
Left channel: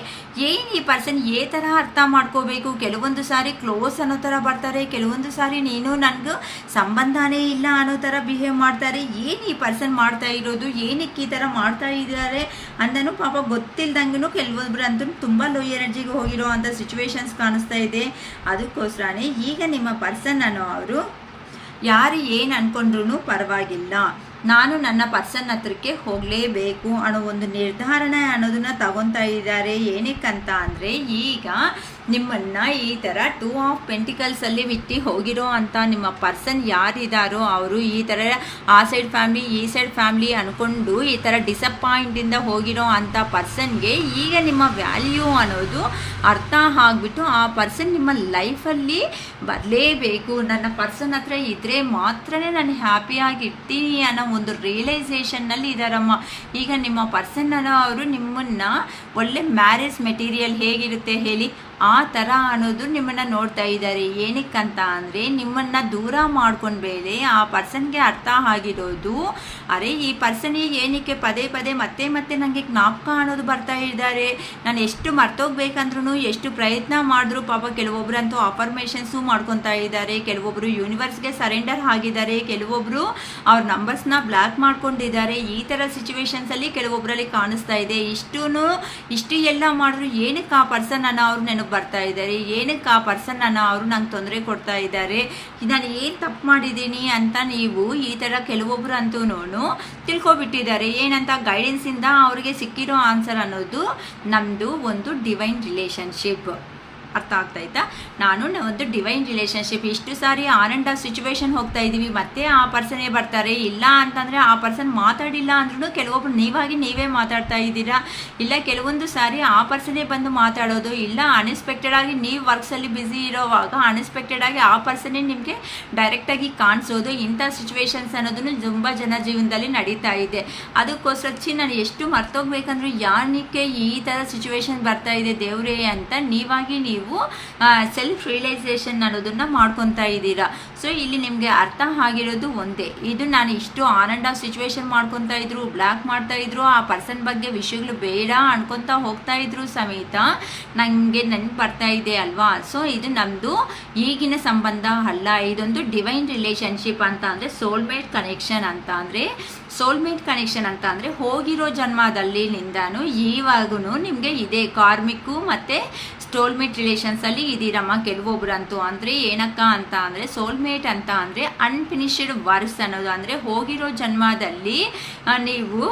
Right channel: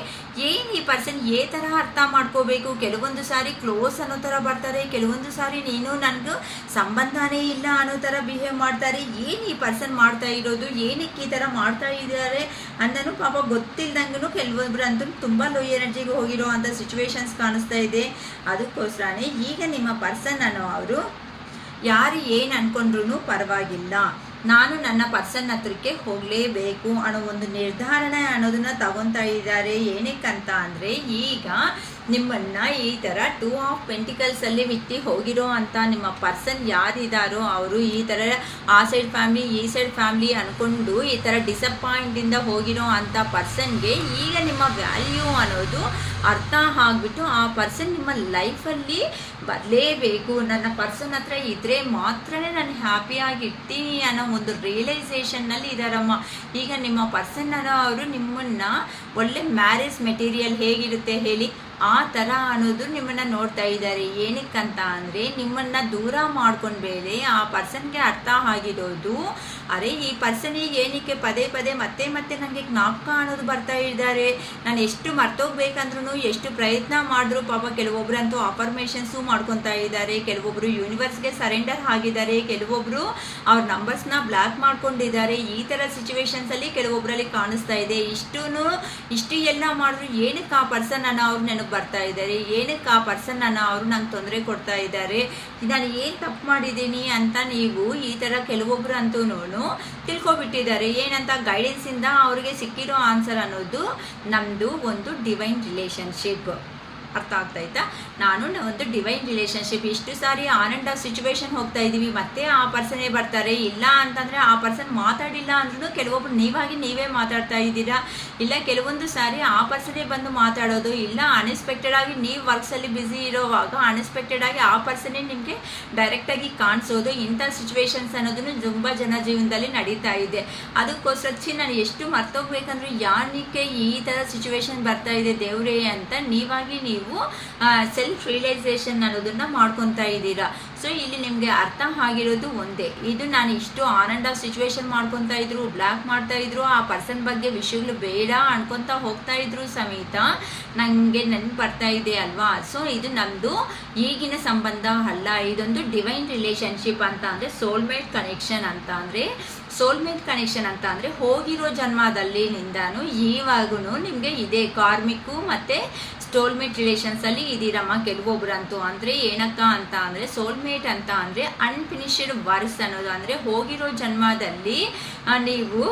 ಏನು ಈ ಪರ್ಸನ್ ಥರ ಅರ್ಥ ಮಾಡ್ಕೋಬೇಕು. ಕೆಲವೊಂದು ಸಾರಿ ಕ್ಲೋಸ್ ಅನ್ನೋ ಥರ ಬರ್ತಾರೆ, ಕೆಲವೊಂದು ಸಾರಿ ನೀನು ನನಗೂ ಸಂಬಂಧನೇ ಇಲ್ಲ ಅನ್ನೋ ಥರ ಬಿಹೇವ್ ಮಾಡ್ತಾರೆ. ಏನು ಈ ಪರ್ಸನ್ ಮಾಡ್ತಾ ಇರೋದು, ಏನಕ್ಕೆ ಈ ಥರ ಮಾಡ್ತಾ ಇದ್ದಾರೆ ಅಂದನು ಪಾಪ ಗೊತ್ತಿಲ್ದಂಗೂ ಕೆಲವೊಬ್ರು ಅಂತೂ ತುಂಬ ಲೋ ಎನರ್ಜಿಗೆ ಹೋಗಿರೋ ಅಂಥ ಸಿಚುವೇಶನ್ಸ್ ಕಾಣಿಸ್ತಾ ಇದೆ. ಅದಕ್ಕೋಸ್ಕರನೇ ಈಗ ನಿಮ್ಮ ಪರ್ಸನ್ ಅನ್ನೋ ಅವರು ಯಾರು ಏನು ಅಂದ್ಕೊಂಡ್ರೂ ಪರವಾಗಿಲ್ಲ, ನಾನು ನನ್ನ ಪರ್ಸನ್ ಹತ್ರಕ್ಕೆ ಹೋಗಲೇಬೇಕು ಅನ್ನೋ ಒಂದು ನಿರ್ಧಾರಣೆ ಅನ್ನೋದನ್ನ ತಗೊತಾ ಇದ್ದಾರೆ. ಏನಕ್ಕಂತ ಅಂದರೆ ಈಗ ನಿಮ್ಮನ್ನು ಈ ಥರ 2 ಆಫ್ ಪೆಂಟಿಕಲ್ಸ್ ಅಲ್ಲಿ ಬಿಟ್ಟು ಹೋಗಿರೋ ಅಂತ ನಿಮ್ಮ ಪರ್ಸನ್ ಯಾರಿದ್ದಾರೋ ಅವರು ಈ ಥರ ಆ ಸೈಡ್ ಫ್ಯಾಮ್ಲಿ ಈ ಸೈಡ್ ಫ್ಯಾಮ್ಲಿ ಅಂದ್ಕೊಂಡು ಈ ಥರ ಡಿಸಪಾಯಿಂಟಿಂದ ಹೋಗಿರೋ ಅಂಥ ಪರ್ಸನ್ಗೆ ಈಗ ನಿಮ್ಮ ವ್ಯಾಲ್ಯೂ ಅನ್ನೋದು ಅರ್ಥ ಆಗಿಬಿಟ್ಟು ಆ ಪರ್ಸನ್ ನಿಮ್ಮ ಲೈಫಲ್ಲಿ ಬರಲೇಬೇಕು, ನನ್ನ ಪರ್ಸನ್ ಹತ್ರ ಇದ್ದರೆ ಮಾತ್ರನೇ ನಾನು ಹ್ಯಾಪಿಯಾಗಿ ಇರ್ತೀನಿ ಅನ್ನೋ ಒಂದು ರಿಯಲೈಸೇಷನ್ನಲ್ಲಿ ಇದ್ದಾರಮ್ಮ. ಈಗ ನಿಮ್ಮ ಪರ್ಸನ್ ಅನ್ನೋ ಅವರು ನಿಮ್ಮನ್ನು ಒಳ್ಳೆ ಮ್ಯಾರೇಜ್ ಮೆಟೀರಿಯಲ್ ಹೇಗಿರುತ್ತೆ ಹೇಳಿ ಆ ಥರ ಅನ್ನೋದು ನಿಮ್ಮನ್ನು ನೋಡ್ತಾ ಇದ್ದಾರೆ. ಏನಕ್ಕಂತ ಅಂದರೆ ನಿಮ್ಮನ್ನು ದೂರ ಮಾಡ್ಕೊಂಡು ಬೇರೆ ಆ ಪರ್ಸನ್ಗೆ ಅರ್ಥ ಆಗಿರೋದು, ಅರೆ ಈ ಪರ್ಸನಿಗೆ ಏನಕ್ಕೆ ಪದೇ ಮತ್ತೆ ನನಗೆ ಜ್ಞಾಪಕ ಅನ್ನೋದು ಬರ್ತಾ ಇದ್ದಾರೆ, ನಾನು ಎಷ್ಟು ಮರ್ತೋಗ್ಬೇಕಂದ್ರೂ ಎಷ್ಟು ಪ್ರಯತ್ನ ಮಾಡಿದ್ರು ಪಾಪ ಕೆಲವೊಬ್ಬರಂತೂ ಅಫರ್ಮೇಷನ್ಸು ಮಾಡ್ಕೊತಾ ಇದ್ದಾರೆ, ಕೆಲವೊಬ್ಬರು ಯೂನಿವರ್ಸ್ಗೆ ಸರೆಂಡರ್ ಆಗಿದ್ದಾರೆ, ಕೆಲವೊಬ್ಬರು ಅವ್ರ ನಂಬರ್ಸ್ನ ಬ್ಲಾಕ್ ಮಾಡ್ಕೊಂಡಿದ್ದಾರೆ. ಈ ಥರ ಸಿಚುವೇಶನ್ಸಲ್ಲಿ ಕೆಲವೊಬ್ಬರಲ್ಲಿ ಕಾಣಿಸ್ತಾ ಇದೆ. ಇಷ್ಟು ಎಲ್ಲ ಮಾಡಿದ್ರು ಏನಕ್ಕೆ ಆ ಪರ್ಸನ್ ಅನ್ನೋ ಅವ್ರು ನೆನಪು ಬರ್ತಾ ಇದ್ದಾರೆ, ಏನಕ್ಕೆ ಆ ಪರ್ಸನ್ ಅನ್ನೋ ಅವರು ನಂಗೆ ತೊಂದರೆ ಕೊಡ್ತಾ ಇದ್ದಾರೆ, ನಾನು ಏನು ತಪ್ಪು ಮಾಡಿದ್ದೀನಿ ಅಂತ ನೀವು ಈ ಥರ ಕೆಲವೊಬ್ರು ಅಂತೂ ತಿಳ್ಕೊಬಿಟ್ಟಿದ್ದಾರೆ. ಏನಂತ ಗೈಡೆನ್ಸಿಂದ ಅವ್ರಿಗೆ ಸಿಕ್ಕಿರೋ ಆನ್ಸರ್ ಅನ್ನೋದು ನಮ್ಮದು ಒಂದು ಡಿವೈನ್ ರಿಲೇಷನ್ಶಿಪ್. ಅರ್ಥ ಆಗ್ತಾಯ್ತಾ? ನಾನು ಒಂದು ಡಿವೈನ್ ರಿಲೇಷನ್ಶಿಪ್. ಇಷ್ಟು ಸಾರಿ ಆನ್ ಆ್ಯಂಡ್ ಆಫ್ ಸಿಚುವೇಶನ್ ಹೋಗ್ತಾ ಇದ್ದೀವಿ, ಮತ್ತೆ ಆ ಪರ್ಸನೇ ಬರ್ತಾರೆ. ಇಲ್ಲ ಅಂತಂದರೆ ಆ ಪರ್ಸನ್ ಮಾತಾಡಿಲ್ಲ ಅಂದ್ರೂ ಕೆಲವೊಬ್ರು ನೀವೇ ಮಾತಾಡ್ತಾ ಇದ್ದೀರಾ, ಇಲ್ಲ ಕೆಲವೊಂದು ಸಾರಿ ಆ ಪರ್ಸನೇ ಬಂದು ಮಾತಾಡೋದು, ಇಲ್ಲ ಅನ್ಎಕ್ಸ್ಪೆಕ್ಟೆಡ್ ಆಗಿ ನೀವು ವರ್ಕ್ಸಲ್ಲಿ ಬ್ಯುಸಿ ಇರೋವಾಗ ಅನ್ಎಕ್ಸ್ಪೆಕ್ಟೆಡ್ ಆಗಿ ಆ ಪರ್ಸನೇ ನಿಮಗೆ ಡೈರೆಕ್ಟಾಗಿ ಕಾಣಿಸೋದು. ಇಂಥ ಸಿಚುವೇಶನ್ಸ್ ಅನ್ನೋದನ್ನು ತುಂಬ ಜನ ಜೀವನದಲ್ಲಿ ನಡೀತಾ ಇದೆ. ಅದಕ್ಕೋಸ್ಕರ ನಾನು ಎಷ್ಟು ಮರ್ತೋಗ್ಬೇಕಂದ್ರೆ ಯಾನಕ್ಕೆ ಈ ಥರ ಸಿಚುವೇಶನ್ ಬರ್ತಾ ಇದೆ ದೇವ್ರೇ ಅಂತ ನೀವಾಗಿ ನೀವು ನೀವು ಸೆಲ್ಫ್ ರಿಯಲೈಸೇಷನ್ ಅನ್ನೋದನ್ನ ಮಾಡ್ಕೊತಾ ಇದ್ದೀರಾ. ಸೊ ಇಲ್ಲಿ ನಿಮಗೆ ಅರ್ಥ ಆಗಿರೋದು ಒಂದೇ, ಇದು ನಾನು ಇಷ್ಟು ಆನ್ ಆ್ಯಂಡ್ ಆಫ್ ಸಿಚುವೇಶನ್ ಮಾಡ್ಕೊತಾ ಇದ್ರು, ಬ್ಲಾಕ್ ಮಾಡ್ತಾ ಇದ್ರು, ಆ ಪರ್ಸನ್ ಬಗ್ಗೆ ವಿಷಯಗಳು ಬೇಡ ಅನ್ಕೊತಾ ಹೋಗ್ತಾ ಇದ್ರು ಸಮೇತ ನನಗೆ ನೆನಪು ಬರ್ತಾ ಇದೆ ಅಲ್ವಾ. ಸೊ ಇದು ನಮ್ಮದು ಈಗಿನ ಸಂಬಂಧ ಅಲ್ಲ, ಇದೊಂದು ಡಿವೈನ್ ರಿಲೇಶನ್ಶಿಪ್ ಅಂತ ಅಂದರೆ ಸೋಲ್ಮೇಟ್ ಕನೆಕ್ಷನ್ ಅಂತ ಅಂದರೆ ಸೋಲ್ಮೇಟ್ ಕನೆಕ್ಷನ್ ಅಂತ ಅಂದರೆ ಹೋಗಿರೋ ಜನ್ಮದಲ್ಲಿ ನಿಂದಾನು ಇವಾಗೂ ನಿಮಗೆ ಇದೆ. ಕಾರ್ಮಿಕ್ಕು ಮತ್ತು ಸೋಲ್ಮೇಟ್ ರಿಲೇಷನ್ಸಲ್ಲಿ ಇದ್ದೀರಮ್ಮ ಕೆಲವೊಬ್ರಂತೂ. ಅಂದರೆ ಏನಕ್ಕ ಅಂತ ಅಂದರೆ ಸೋಲ್ಮೇಟ್ ಅಂತ ಅಂದರೆ ಅನ್ಫಿನಿಶ್ಡ್ ವರ್ಕ್ಸ್ ಅನ್ನೋದು, ಅಂದರೆ ಹೋಗಿರೋ ಜನ್ಮದಲ್ಲಿ ನೀವು